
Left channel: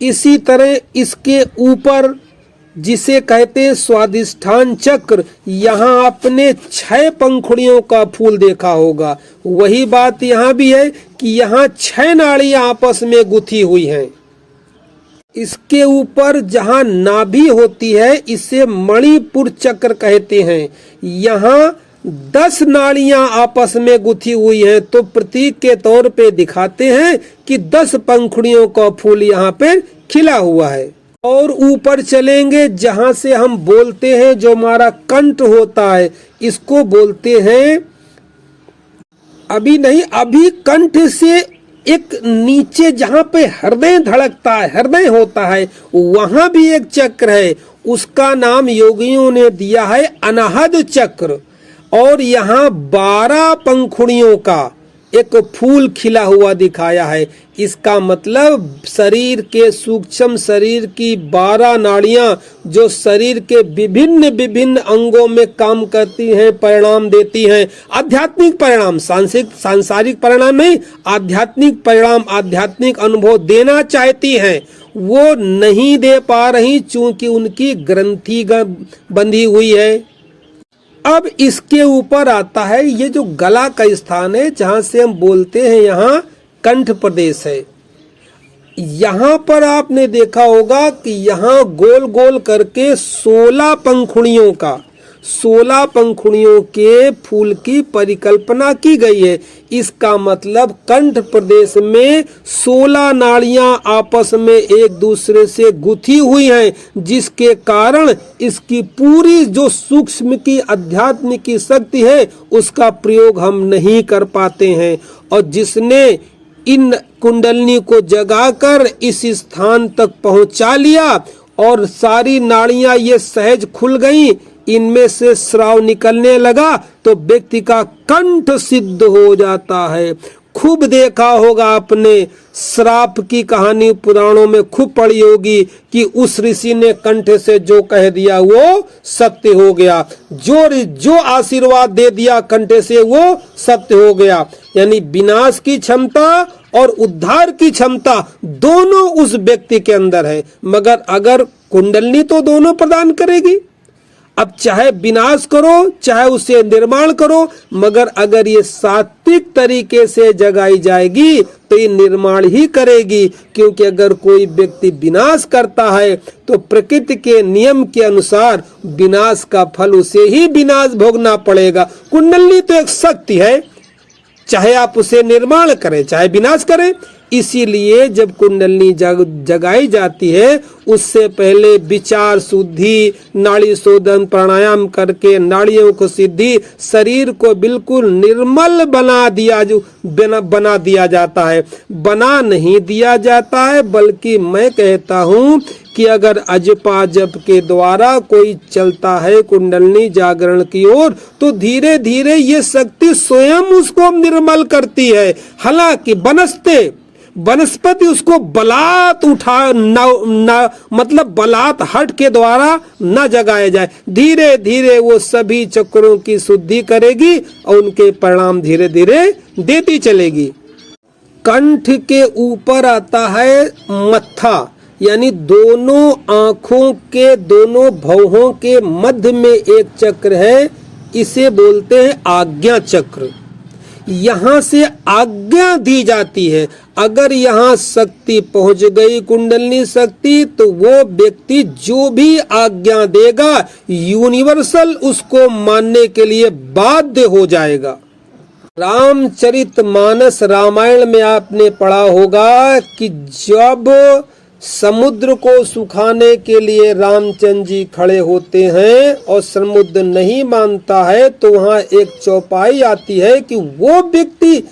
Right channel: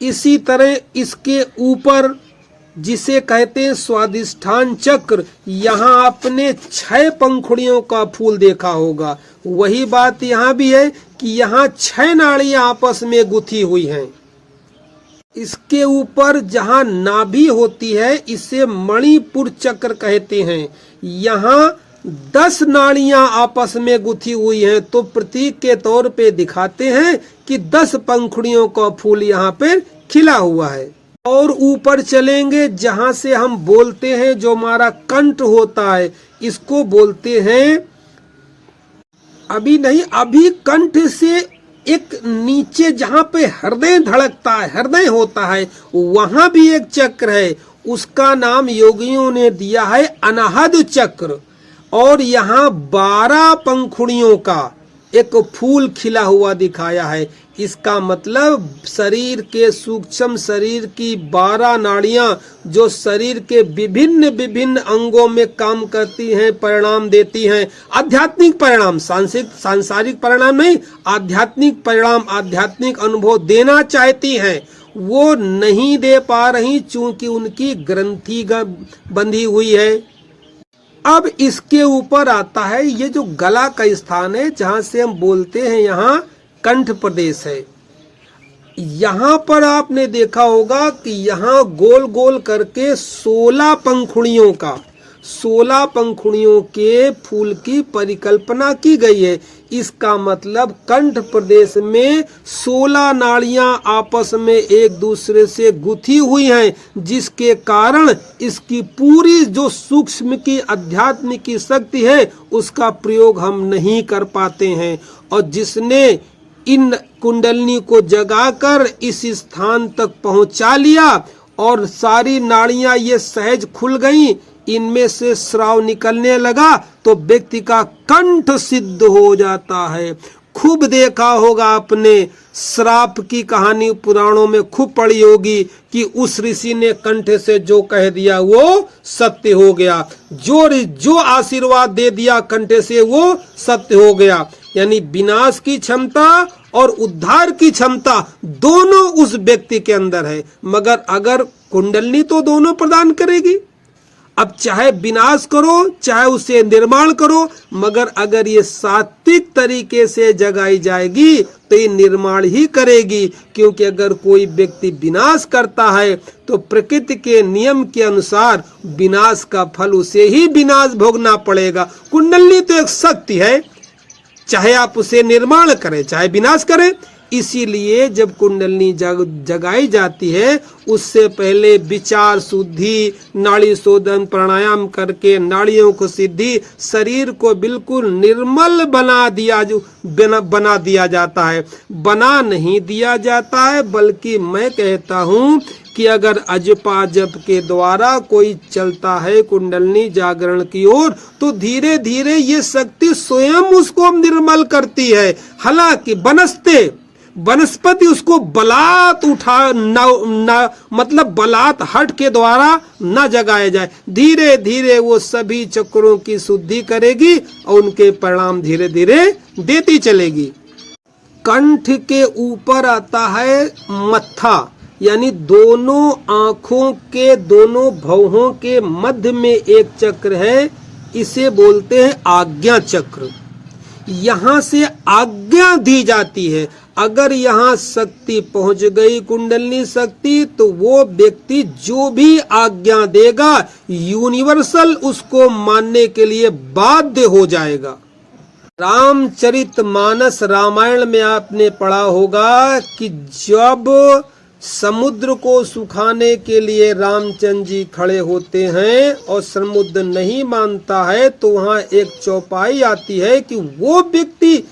इसी तरह इसके ऊपर जिसे कहते हैं स्वादिष्ठान चक्र, यहाँ आपने 6 पंखुड़ियों का फूल देखा होगा। वही बात यहाँ भी है कि यहाँ 6 नाड़ियां आपस में गुथी हुई हैं। इसके ऊपर जहाँ नाभि होती है इसे मणिपुर चक्र कहते हैं। यहाँ 10 नाड़ियां आपस में गुथी हुई हैं, तो प्रतीक के तौर पे दिखाते हैं कि 10 पंखुड़ियों का फूल यहाँ पे खिला हुआ है। और ऊपर चलेंगे जहां से हम बोलते हैं, जो हमारा कंठ होता है, इसको बोलते हैं, अभी कंठ से एक नीचे जहां पे हृदय धड़कता है, हृदय होता है, वहां भी एक चक्र है। उसका नाम योगियों ने दिया है अनाहद चक्र। और यहाँ 12 पंखुड़ियों का एक फूल खिला हुआ दिखाया है। इसका मतलब शरीर के सूक्ष्म शरीर की 12 नाड़ियां जो शरीर के विभिन्न विभिन्न अंगों में काम करती हैं, परिणाम देती हैं। आध्यात्मिक परिणाम, सांसारिक परिणाम नहीं, आध्यात्मिक परिणाम, आध्यात्मिक अनुभव देना चाहती हैं, वो नहीं दे पा रही चूंकि उनकी ग्रंथि बंधी हुई है। अब इसके ऊपर आता है ये जो गला का स्थान है जहां से हम बोलते हैं, यहाँ कंठ प्रदेश है। यहाँ पर आपने देखा होगा कि यहाँ गोल गोल करके 16 पंखुड़ियों का, 16 पंखुड़ियों के फूल की परिकल्पना की गई है। इसका मतलब कंठ प्रदेश में 16 नाड़ियां आपस में एक दूसरे से गुथी हुई हैं, जिसके कारण इसकी पूरी जो सूक्ष्म की अध्यात्म की शक्ति है उसका प्रयोग हम नहीं कर पाते हैं। और जिसने इन कुंडलनी को जगाकर इस स्थान तक पहुंचा लिया और सारी नाड़ियां ये सहज खुल गईं, इनमें से श्राव निकलने लगा तो व्यक्ति का कंठ सिद्ध हो जाता है। खूब देखा होगा आपने, श्राप की कहानी पुराणों में खूब पढ़ी होगी कि उस ऋषि ने कंठ से जो कह दिया वो सत्य हो गया, जो आशीर्वाद दे दिया कंठ से वो सत्य हो गया। यानी विनाश की क्षमता और उद्धार की क्षमता दोनों उस व्यक्ति के अंदर है, मगर अगर कुंडलनी तो दोनों प्रदान करेगी। अब चाहे विनाश करो चाहे उसे निर्माण करो, मगर अगर ये सात्विक तरीके से जगाई जाएगी तो ये निर्माण ही करेगी। क्योंकि अगर कोई व्यक्ति विनाश करता है तो प्रकृति के नियम के अनुसार विनाश का फल उसे ही विनाश भोगना पड़ेगा। कुंडली तो एक शक्ति है, चाहे आप उसे निर्माण करें चाहे विनाश करें। इसीलिए जब कुंडलनी जगाई जाती है उससे पहले विचार शुद्धि, नाड़ी शोधन, प्राणायाम करके नाड़ियों को सिद्धि, शरीर को बिल्कुल निर्मल बना दिया जाता है। बना नहीं दिया जाता है, बल्कि मैं कहता हूँ कि अगर अजपा जप के द्वारा कोई चलता है कुंडलनी जागरण की ओर तो धीरे धीरे ये शक्ति स्वयं उसको निर्मल करती है। हालांकि वनस्पति उसको बलात् मतलब बलात् हट के द्वारा न जगाया जाए, धीरे धीरे वो सभी चक्रों की शुद्धि करेगी और उनके परिणाम धीरे धीरे देती चलेगी। कंठ के ऊपर आता है मत्था, यानी दोनों आँखों के दोनों भौहों के मध्य में एक चक्र है, इसे बोलते हैं आज्ञा चक्र। यहाँ से आज्ञा दी जाती है। अगर यहाँ शक्ति पहुंच गई कुंडलनी शक्ति तो वो व्यक्ति जो भी आज्ञा देगा यूनिवर्सल उसको मानने के लिए बाध्य हो जाएगा। रामचरितमानस रामायण में आपने पढ़ा होगा कि जब समुद्र को सुखाने के लिए रामचंद्र जी खड़े होते हैं और समुद्र नहीं मानता है तो वहाँ एक चौपाई आती है कि वो व्यक्ति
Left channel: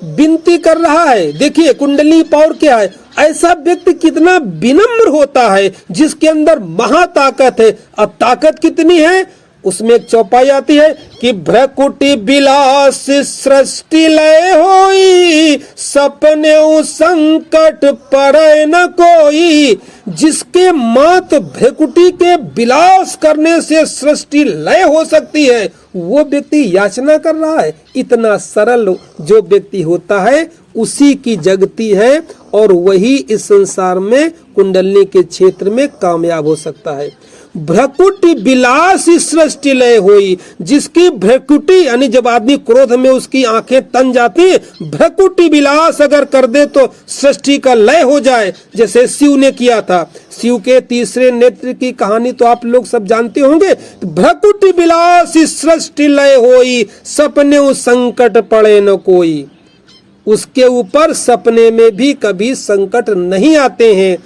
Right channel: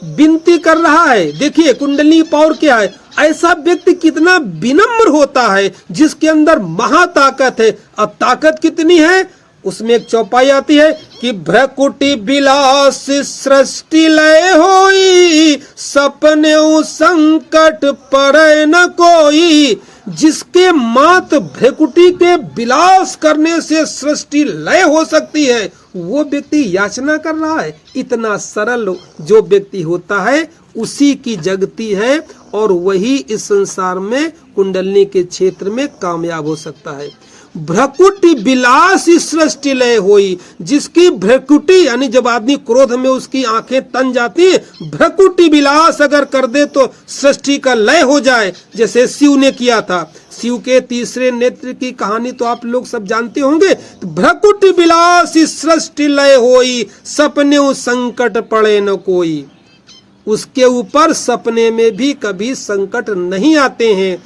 विनती कर रहा है। देखिए कुंडली पावर क्या है, ऐसा व्यक्ति कितना विनम्र होता है जिसके अंदर महाताकत है। अब ताकत कितनी है, उसमें एक चौपाई आती है कि भ्रकुटी विलास सृष्टि लय होई, सपने संकट परे न कोई। जिसके मात भ्रकुटी के विलास करने से सृष्टि लय हो सकती है वो व्यक्ति याचना कर रहा है। इतना सरल जो व्यक्ति होता है उसी की जगती है और वही इस संसार में कुंडलनी के क्षेत्र में कामयाब हो सकता है। भ्रकुटी विलास सृष्टि लय हुई, जिसकी भ्रकुटी यानी जब आदमी क्रोध में उसकी आंखें तन जाती है, भ्रकुटी विलास अगर कर दे तो सृष्टि का लय हो जाए, जैसे शिव ने किया था। शिव के तीसरे नेत्र की कहानी तो आप लोग सब जानते होंगे। तो भ्रकुटी विलास सृष्टि लय होई, सपने संकट पड़े न कोई। उसके ऊपर सपने में भी कभी संकट नहीं आते हैं।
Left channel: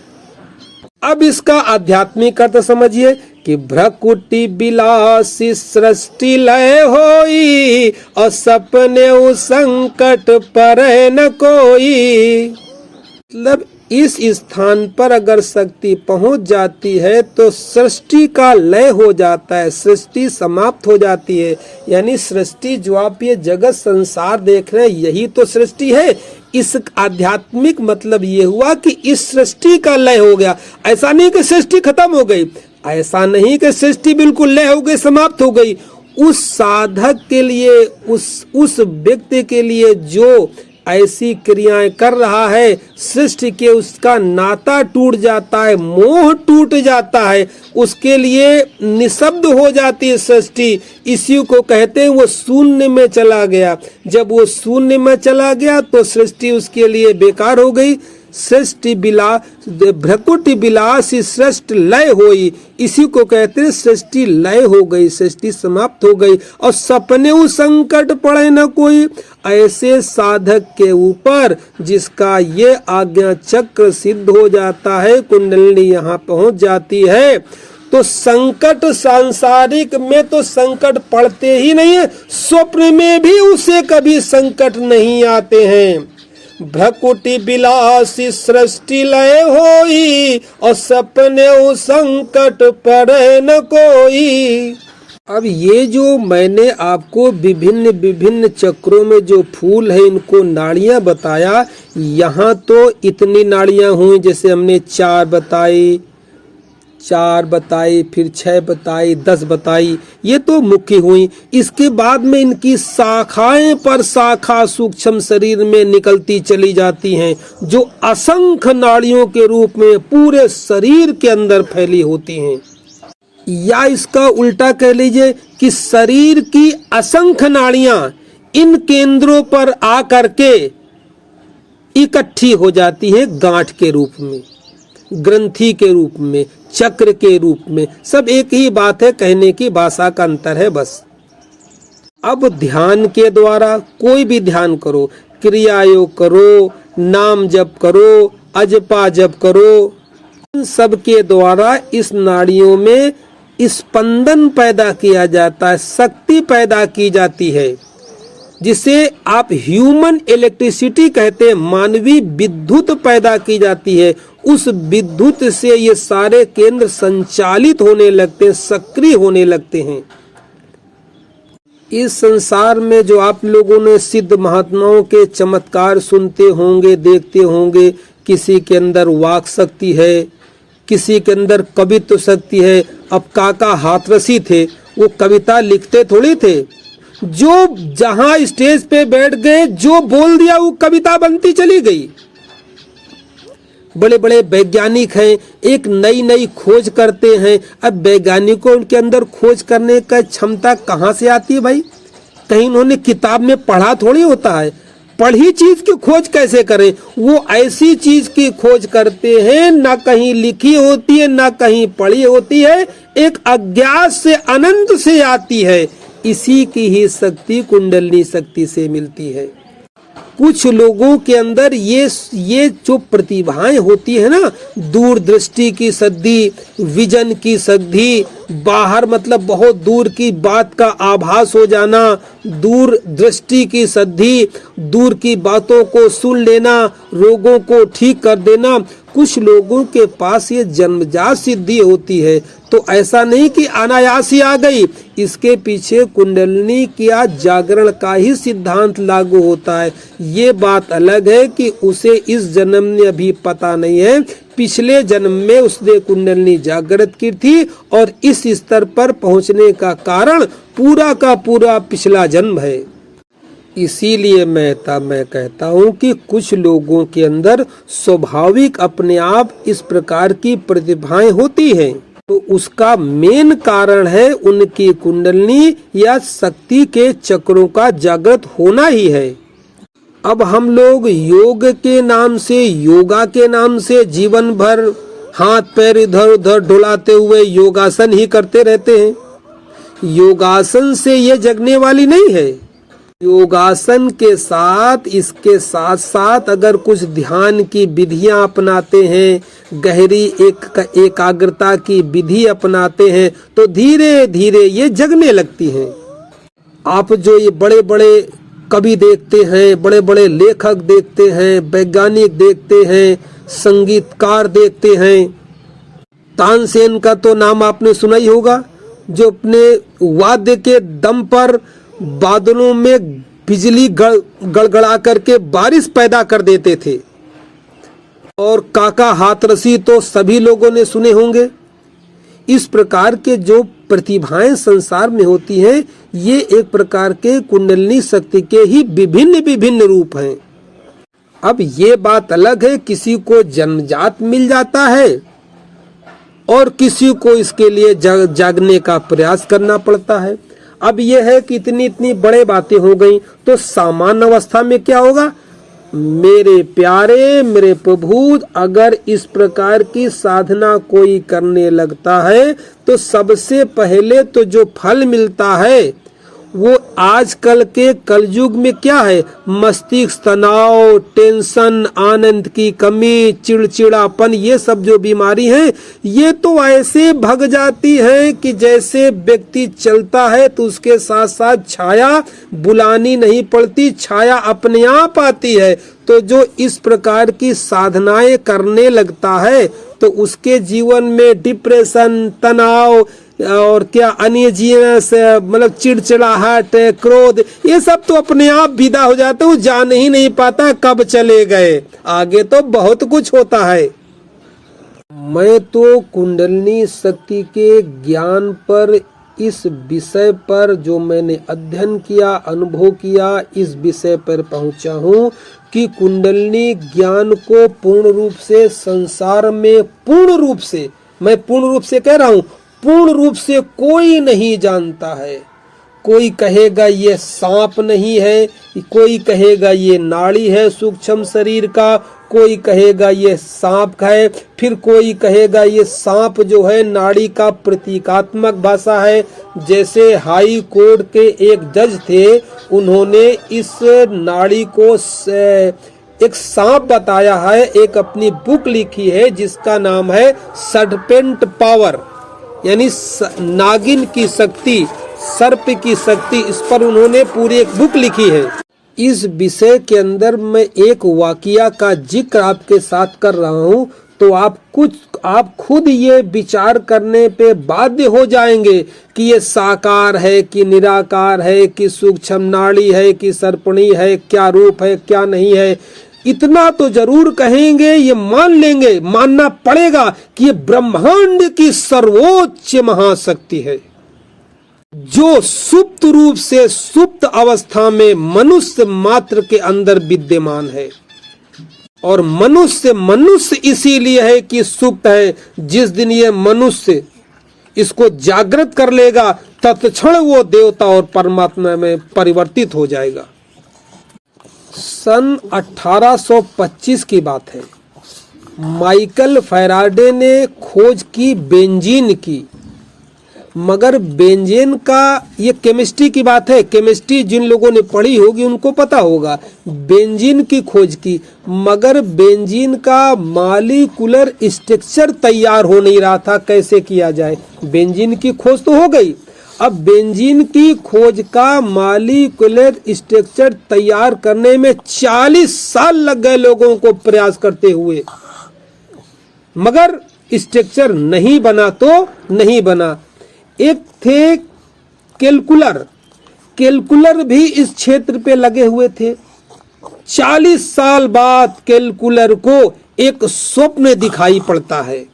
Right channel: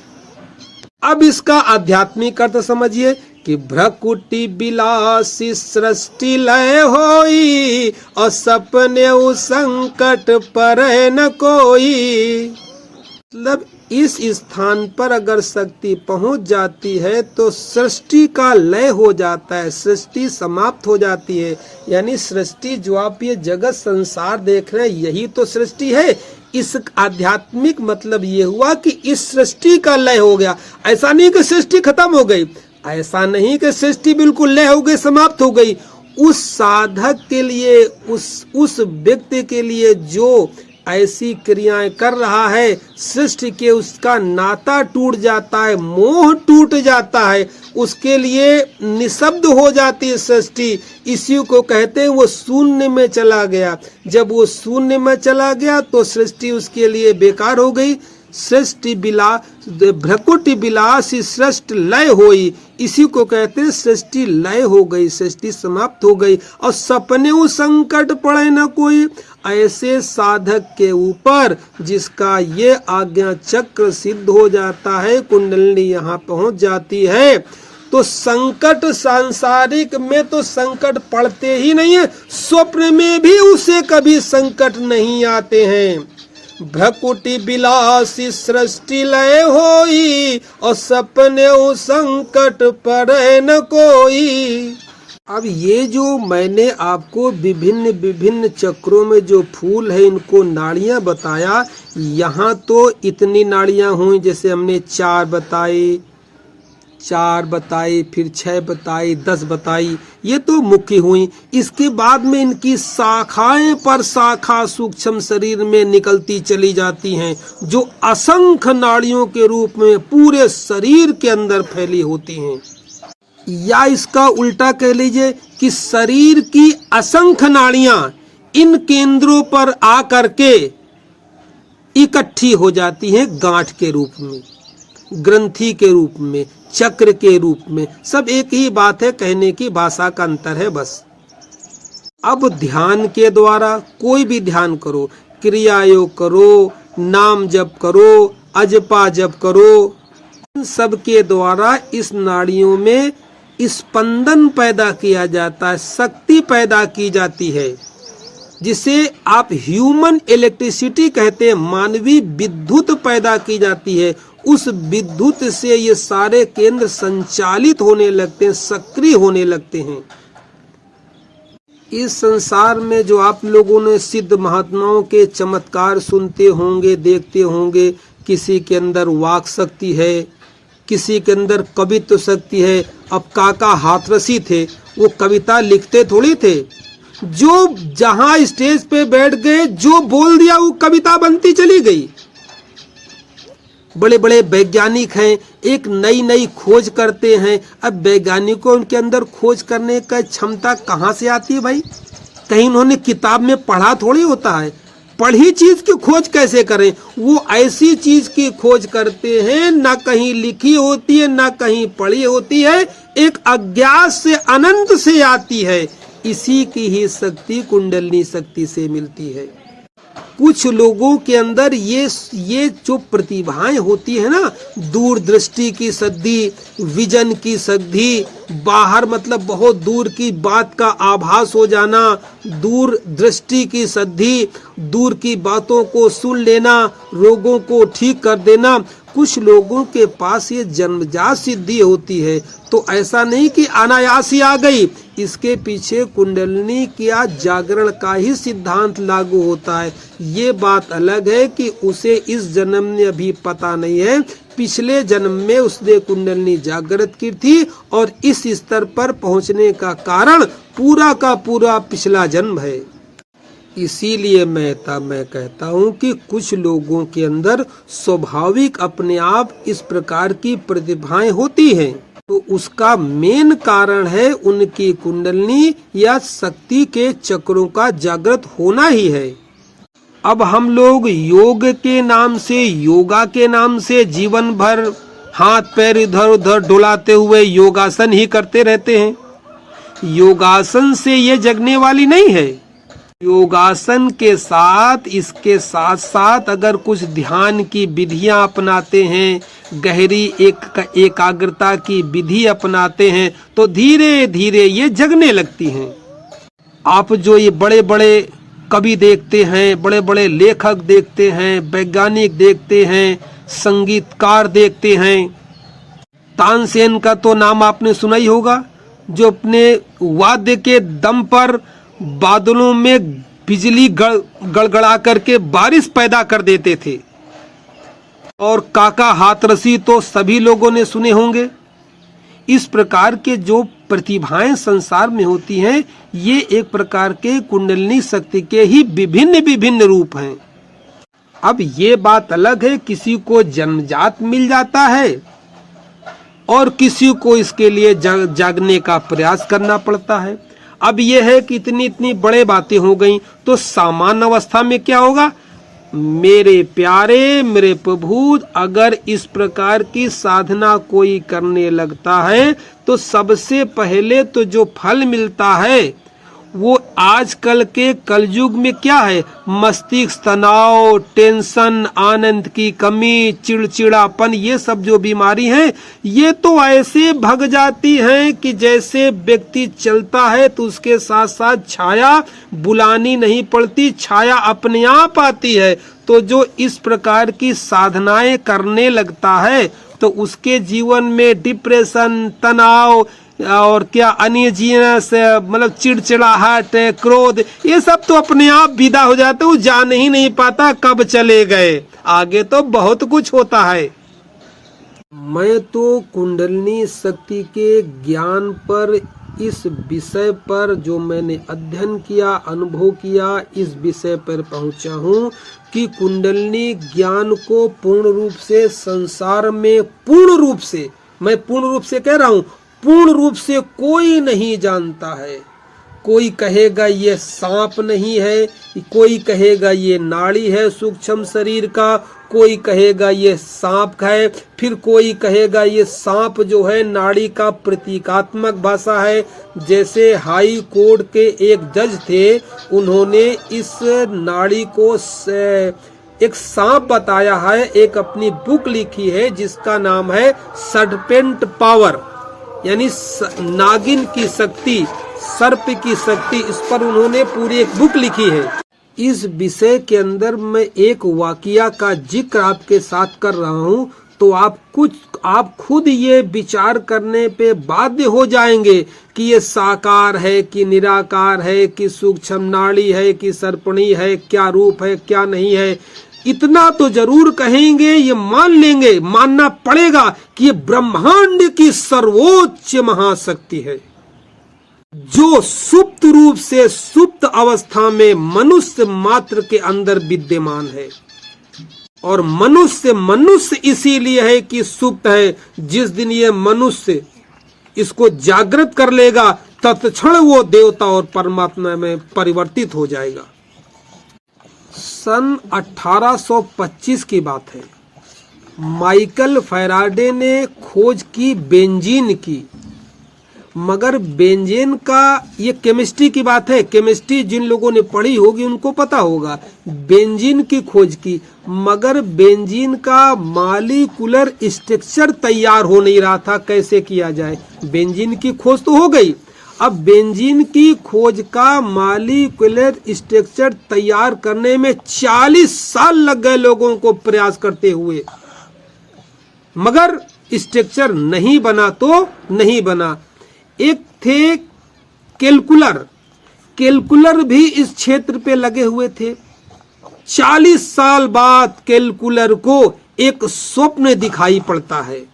अब इसका आध्यात्मिक अर्थ समझिए कि भ्रकुटी विलास सृष्टि लय होई और सपने संकट परे न कोई। मतलब इस स्थान पर अगर शक्ति पहुंच जाती है तो सृष्टि का लय हो जाता है, सृष्टि समाप्त हो जाती है। यानी सृष्टि जो आप ये जगत संसार देख रहे हैं यही तो सृष्टि है। इस आध्यात्मिक मतलब ये हुआ कि इस सृष्टि का लय हो गया। ऐसा नहीं कि सृष्टि खत्म हो गई, ऐसा नहीं कि सृष्टि बिल्कुल लय हो गई, समाप्त हो गई। उस साधक के लिए, उस व्यक्ति के लिए जो ऐसी क्रियाएं कर रहा है, सृष्टि के उसका नाता टूट जाता है, मोह टूट जाता है, उसके लिए निशब्द हो जाती है सृष्टि। इसी को कहते हैं वो शून्य में चला गया। जब वो शून्य में चला गया तो सृष्टि उसके लिए बेकार हो गई। सृष्टि विलास भ्रकुटि विलास सृष्टि लय होई, इसी को कहते हैं सृष्टि लय हो गई, सृष्टि समाप्त हो गई। और सपने उ संकट पड़े न कोई, ऐसे साधक के ऊपर जिसका ये आज्ञा चक्र सिद्ध हो जाता है, कुंडलिनी यहाँ पहुंच जाती है, तो संकट सांसारिक में तो संकट पड़ते ही नहीं है, स्वप्न में भी उसे कभी संकट नहीं आते हैं। भ्रकुटि विलासी सृष्टि लय होई, और सपने संकट पड़े न कोई। अब ये जो मैंने आपको विभिन्न विभिन्न चक्रों में जो फूल है इनको नाड़ियां बताया, यहाँ तो इतनी नाड़ियां हुई, जैसे हमने 4 बताई, फिर 6 बताई, 10 बताई, ये तो मुख्य हुई। इसके बाद में इनकी शाखाएं पर शाखा सूक्ष्म शरीर में निकलती चली जाती हैं, जो असंख्य नाड़ियों के रूप में पूरे शरीर के अंदर फैली होती हैं। या इसका उल्टा कह लीजिए कि शरीर की असंख्य नाड़ियां इन केंद्रों पर आकर के इकट्ठी हो जाती हैं गांठ के रूप में, ग्रंथि के रूप में, चक्र के रूप में। सब एक ही बात है, कहने की भाषा का अंतर है बस। अब ध्यान के द्वारा कोई भी ध्यान करो, क्रिया योग करो, नाम जप करो, अजपा जप करो, इन सब के द्वारा इस नाड़ियों में स्पंदन पैदा किया जाता है, शक्ति पैदा की जाती है, जिसे आप ह्यूमन इलेक्ट्रिसिटी कहते हैं। मानवीय विद्युत पैदा की जाती है, उस विद्युत से ये सारे केंद्र संचालित होने लगते हैं, सक्रिय होने लगते हैं। इस संसार में जो आप लोगों ने सिद्ध महात्माओं के चमत्कार सुनते होंगे, देखते होंगे, किसी के अंदर वाक शक्ति है, किसी के अंदर कवित्व शक्ति है। अब काका हाथरसी थे, वो कविता लिखते थोड़ी थे, जो जहां स्टेज पे बैठ गए जो बोल दिया वो कविता बनती चली गई। बड़े बड़े वैज्ञानिक हैं, एक नई नई खोज करते हैं। अब वैज्ञानिकों के अंदर खोज करने का क्षमता कहाँ से आती है भाई? कहीं उन्होंने किताब में पढ़ा थोड़ी होता है। पढ़ी चीज की खोज कैसे करें? वो ऐसी चीज की खोज करते हैं, ना कहीं लिखी होती है, ना कहीं पढ़ी होती है, एक अज्ञात से अनंत से आती है। इसी की ही शक्ति कुंडलिनी शक्ति से मिलती है। कुछ लोगों के अंदर ये जो प्रतिभाएं होती है ना, दूरदृष्टि की सिद्धि, विजन की सिद्धि, बाहर मतलब बहुत दूर की बात का आभास हो जाना, दूरदृष्टि की सिद्धि, दूर की बातों को सुन लेना, रोगों को ठीक कर देना, कुछ लोगों के पास ये जन्मजात सिद्धि होती है। तो ऐसा नहीं कि अनायास ही आ गई, इसके पीछे कुंडलिनी का जागरण का ही सिद्धांत लागू होता है। ये बात अलग है कि उसे इस जन्म में अभी पता नहीं है, पिछले जन्म में उसने कुंडलिनी जागृत की थी, और इस स्तर पर पहुंचने का कारण पूरा का पूरा पिछला जन्म है। इसीलिए मैं कहता हूँ कि कुछ लोगों के अंदर स्वाभाविक अपने आप इस प्रकार की प्रतिभाएं होती हैं, तो उसका मेन कारण है उनकी कुंडलिनी या शक्ति के चक्रों का जागृत होना ही है। अब हम लोग योग के नाम से, योगा के नाम से जीवन भर हाथ पैर इधर उधर डुलाते हुए योगासन ही करते रहते हैं। योगासन से ये जगने वाली नहीं है। योगासन के साथ, इसके साथ साथ अगर कुछ ध्यान की विधियां अपनाते हैं, गहरी एकाग्रता की विधि अपनाते हैं, तो धीरे धीरे ये जगने लगती हैं। आप जो ये बड़े बड़े कवि देखते हैं, बड़े बड़े लेखक देखते हैं, वैज्ञानिक देखते हैं, संगीतकार देखते हैं, तानसेन का तो नाम आपने सुना ही होगा, जो अपने वाद्य के दम पर बादलों में बिजली गड़गड़ा करके बारिश पैदा कर देते थे। और काका हाथरसी तो सभी लोगों ने सुने होंगे। इस प्रकार के जो प्रतिभाएं संसार में होती हैं, ये एक प्रकार के कुंडलिनी शक्ति के ही विभिन्न विभिन्न रूप हैं। अब ये बात अलग है, किसी को जन्मजात मिल जाता है और किसी को इसके लिए जागने का प्रयास करना पड़ता है। अब ये है कि इतनी बड़े बातें हो गई, तो सामान्य अवस्था में क्या होगा? मेरे प्यारे, मेरे प्रभु, अगर इस प्रकार की साधना कोई करने लगता है तो सबसे पहले तो जो फल मिलता है वो आजकल के कलयुग में क्या है? मस्तिष्क तनाव, टेंशन, आनंद की कमी, चिड़चिड़ापन, ये सब जो बीमारी है ये तो ऐसे भग जाती है कि जैसे व्यक्ति चलता है तो उसके साथ साथ छाया बुलानी नहीं पड़ती, छाया अपने आप आती है। तो जो इस प्रकार की साधनाएं करने लगता है तो उसके जीवन में डिप्रेशन, तनाव और क्या अनईजीनेस, मतलब चिड़चिड़ाहट, क्रोध, ये सब तो अपने आप विदा हो जाते, वो जान ही नहीं पाता कब चले गए। आगे तो बहुत कुछ होता है। मैं तो कुंडलिनी शक्ति के ज्ञान पर, इस विषय पर जो मैंने अध्ययन किया, अनुभव किया, इस विषय पर पहुंचा हूँ कि कुंडलिनी ज्ञान को पूर्ण रूप से संसार में, पूर्ण रूप से, मैं पूर्ण रूप से कह रहा हूँ, पूर्ण रूप से कोई नहीं जानता है। कोई कहेगा ये सांप नहीं है, कोई कहेगा ये नाड़ी है सूक्ष्म शरीर का, कोई कहेगा ये सांप है, फिर कोई कहेगा ये सांप जो है नाड़ी का प्रतीकात्मक भाषा है। जैसे हाई कोर्ट के एक जज थे, उन्होंने इस नाड़ी को एक सांप बताया है, एक अपनी बुक लिखी है जिसका नाम है सर्पेंट पावर, यानी नागिन की शक्ति, सर्प की शक्ति। इस पर उन्होंने पूरी एक बुक लिखी है। इस विषय के अंदर मैं एक वाकया का जिक्र आपके साथ कर रहा हूँ, तो आप खुद ये विचार करने पे बाध्य हो जाएंगे कि ये साकार है कि निराकार है, कि सूक्ष्म नाड़ी है कि सर्पणी है, क्या रूप है क्या नहीं है। इतना तो जरूर कहेंगे, ये मान लेंगे, मानना पड़ेगा कि ये ब्रह्मांड की सर्वोच्च महाशक्ति है जो सुप्त रूप से, सुप्त अवस्था में मनुष्य मात्र के अंदर विद्यमान है। और मनुष्य इसीलिए है कि सुप्त है। जिस दिन ये मनुष्य इसको जागृत कर लेगा तत्क्षण वो देवता और परमात्मा में परिवर्तित हो जाएगा। सन 1825 की बात है। माइकल फैराडे ने खोज की बेंजीन की, मगर बेंजीन का, ये केमिस्ट्री की बात है, केमिस्ट्री जिन लोगों ने पढ़ी होगी उनको पता होगा, बेंजीन की खोज की, मगर बेंजीन का मॉलिक्यूलर स्ट्रक्चर तैयार हो नहीं रहा था, कैसे किया जाए। बेंजीन की खोज तो हो गई, अब बेंजीन की खोज का मॉलिक्यूलर स्ट्रक्चर तैयार करने में 40 साल लग गए लोगों को प्रयास करते हुए, मगर स्ट्रक्चर नहीं बना तो नहीं बना। एक थे कैलकुलर भी इस क्षेत्र पे लगे हुए थे। 40 साल बाद कैलकुलर को एक स्वप्न दिखाई पड़ता है।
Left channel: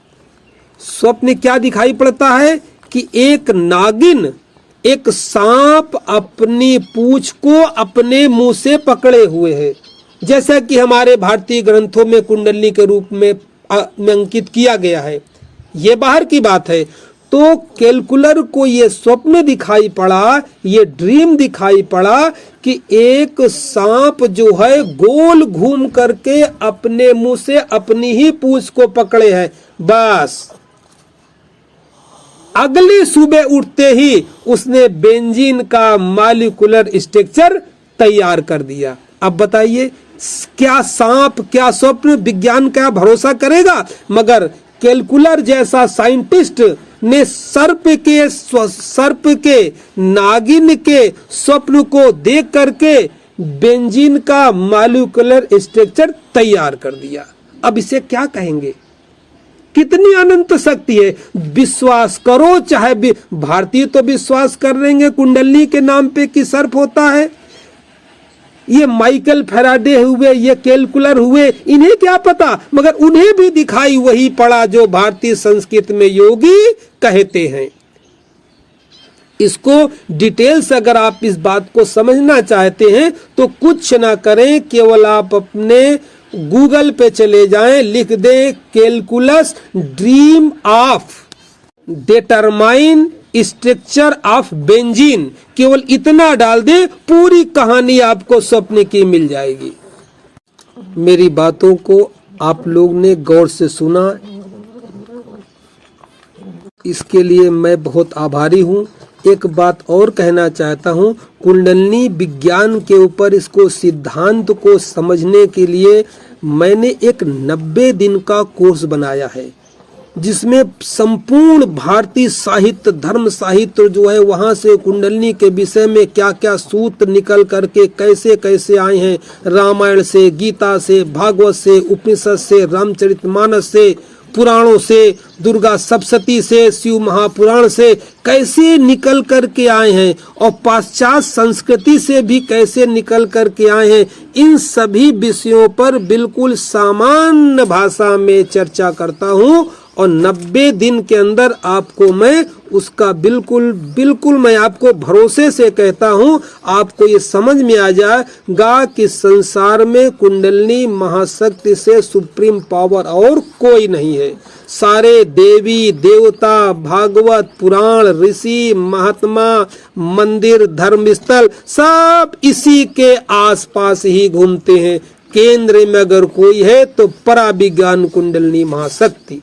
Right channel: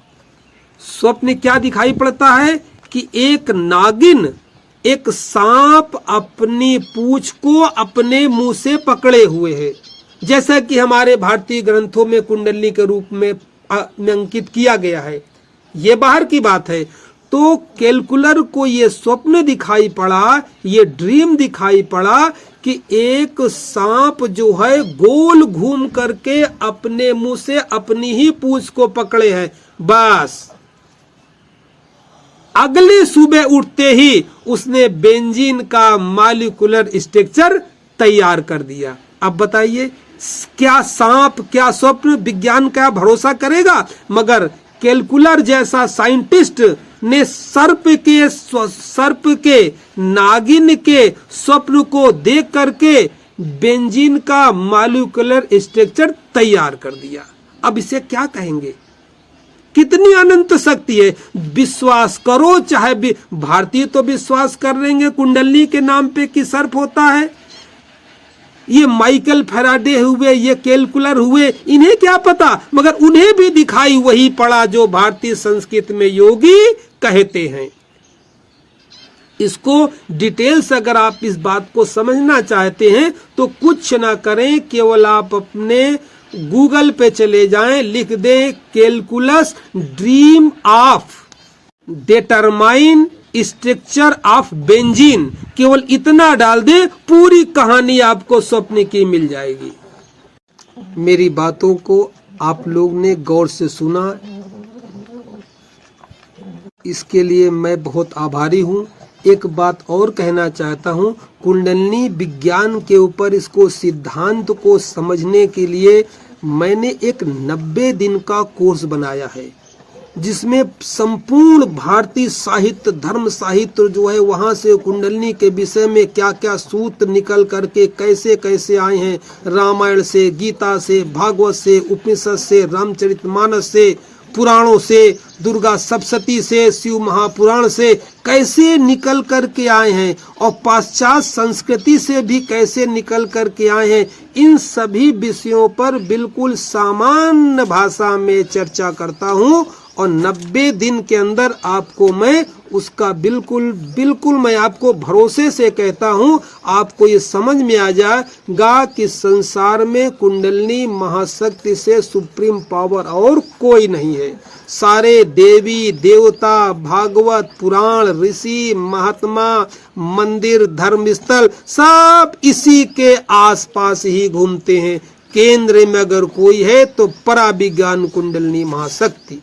स्वप्न क्या दिखाई पड़ता है कि एक नागिन, एक सांप अपनी पूंछ को अपने मुंह से पकड़े हुए है, जैसा कि हमारे भारतीय ग्रंथों में कुंडलिनी के रूप में अंकित किया गया है। ये बाहर की बात है। तो कैलकुलर को ये स्वप्न दिखाई पड़ा, ये ड्रीम दिखाई पड़ा कि एक सांप जो है गोल घूम करके अपने मुंह से अपनी ही पूंछ को पकड़े है। बस अगली सुबह उठते ही उसने बेंजीन का मॉलिक्यूलर स्ट्रक्चर तैयार कर दिया। अब बताइए, क्या सांप, क्या स्वप्न, विज्ञान क्या भरोसा करेगा। मगर कैलकुलर जैसा साइंटिस्ट ने सर्प के नागिन के स्वप्न को देख करके बेंजीन का मॉलिक्यूलर स्ट्रक्चर तैयार कर दिया। अब इसे क्या कहेंगे, कितनी अनंत शक्ति है। विश्वास करो, चाहे भारतीय तो विश्वास कर लेंगे कुंडलिनी के नाम पे कि सर्प होता है। ये माइकल फैराडे हुए, ये कैलकुलर हुए, इन्हें क्या पता, मगर उन्हें भी दिखाई वही पड़ा जो भारतीय संस्कृति में योगी कहते हैं। इसको डिटेल्स अगर आप इस बात को समझना चाहते हैं तो कुछ ना करें, केवल आप अपने गूगल पे चले जाएं, लिख दें calculus dream of determine structure of benzene, केवल इतना डाल दें, पूरी कहानी आपको स्वप्न की मिल जाएगी। मेरी बातों को आप लोग ने गौर से सुना, इसके लिए मैं बहुत आभारी हूँ। एक बात और कहना चाहता हूँ, कुंडलिनी विज्ञान के ऊपर इसको सिद्धांत को समझने के लिए मैंने एक 90 दिन का कोर्स बनाया है, जिसमें संपूर्ण भारतीय साहित्य, धर्म साहित्य जो है वहां से कुंडलिनी के विषय में क्या क्या सूत्र निकल करके कैसे कैसे आए हैं, रामायण से, गीता से, भागवत से, उपनिषद से, रामचरितमानस से, पुराणों से, दुर्गा सप्तशती से, शिव महापुराण से कैसे निकल करके आए हैं और पाश्चात्य संस्कृति से भी कैसे निकल करके आए हैं, इन सभी विषयों पर बिल्कुल सामान्य भाषा में चर्चा करता हूँ। और 90 दिन के अंदर आपको मैं उसका बिल्कुल मैं आपको भरोसे से कहता हूँ, आपको ये समझ में आ जाएगा कि संसार में कुंडलिनी महाशक्ति से सुप्रीम पावर और कोई नहीं है। सारे देवी देवता, भागवत पुराण, ऋषि महात्मा, मंदिर, धर्म स्थल सब इसी के आसपास ही घूमते हैं। केंद्र में अगर कोई है तो पराविज्ञान कुंडलिनी महाशक्ति।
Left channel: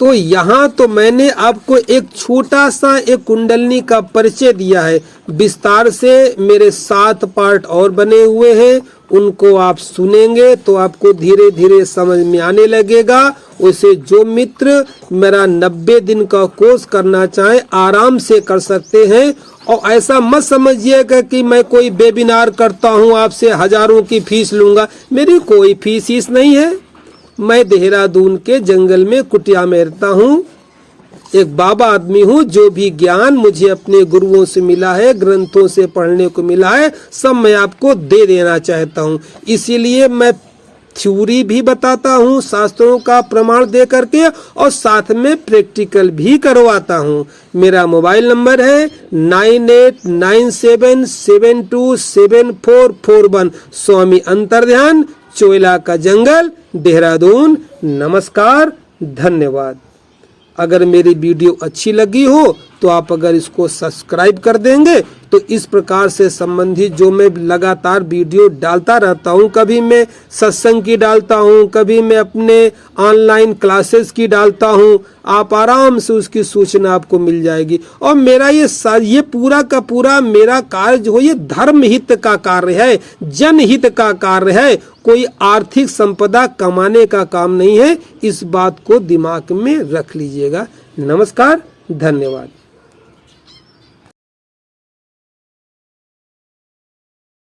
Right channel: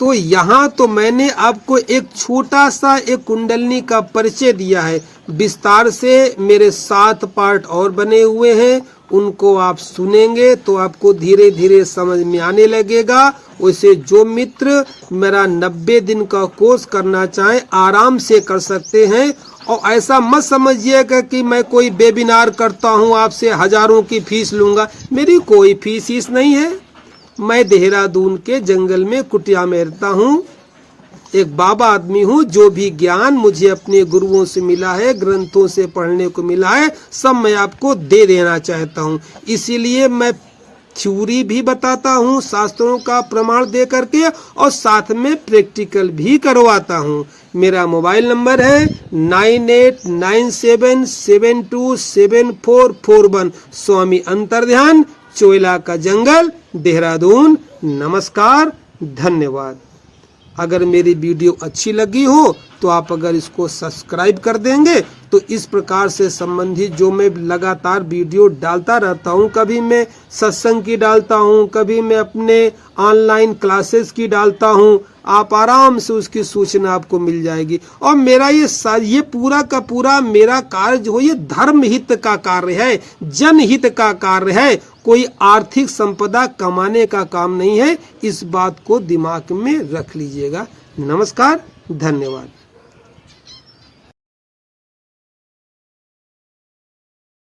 तो यहाँ तो मैंने आपको एक छोटा सा एक कुंडलिनी का परिचय दिया है। विस्तार से मेरे 7 पार्ट और बने हुए हैं, उनको आप सुनेंगे तो आपको धीरे धीरे समझ में आने लगेगा। वैसे जो मित्र मेरा 90 दिन का कोर्स करना चाहे आराम से कर सकते हैं। और ऐसा मत समझिएगा कि मैं कोई वेबिनार करता हूँ आपसे हजारों की फीस लूंगा, मेरी कोई फीस नहीं है। मैं देहरादून के जंगल में कुटिया में रहता हूँ, एक बाबा आदमी हूँ। जो भी ज्ञान मुझे अपने गुरुओं से मिला है, ग्रंथों से पढ़ने को मिला है, सब मैं आपको दे देना चाहता हूँ। इसीलिए मैं थ्योरी भी बताता हूँ, शास्त्रों का प्रमाण दे करके, और साथ में प्रैक्टिकल भी करवाता हूँ। मेरा मोबाइल नंबर है 9897727441। स्वामी अंतर्ध्यान, चोइला का जंगल, देहरादून। नमस्कार, धन्यवाद। अगर मेरी वीडियो अच्छी लगी हो तो आप अगर इसको सब्सक्राइब कर देंगे तो इस प्रकार से संबंधित जो मैं लगातार वीडियो डालता रहता हूँ, कभी मैं सत्संग की डालता हूँ, कभी मैं अपने ऑनलाइन क्लासेस की डालता हूँ, आप आराम से उसकी सूचना आपको मिल जाएगी। और मेरा ये पूरा का पूरा मेरा कार्य जो है ये धर्म हित का कार्य है, जनहित का कार्य है, कोई आर्थिक संपदा कमाने का काम नहीं है। इस बात को दिमाग में रख लीजिएगा। नमस्कार, धन्यवाद।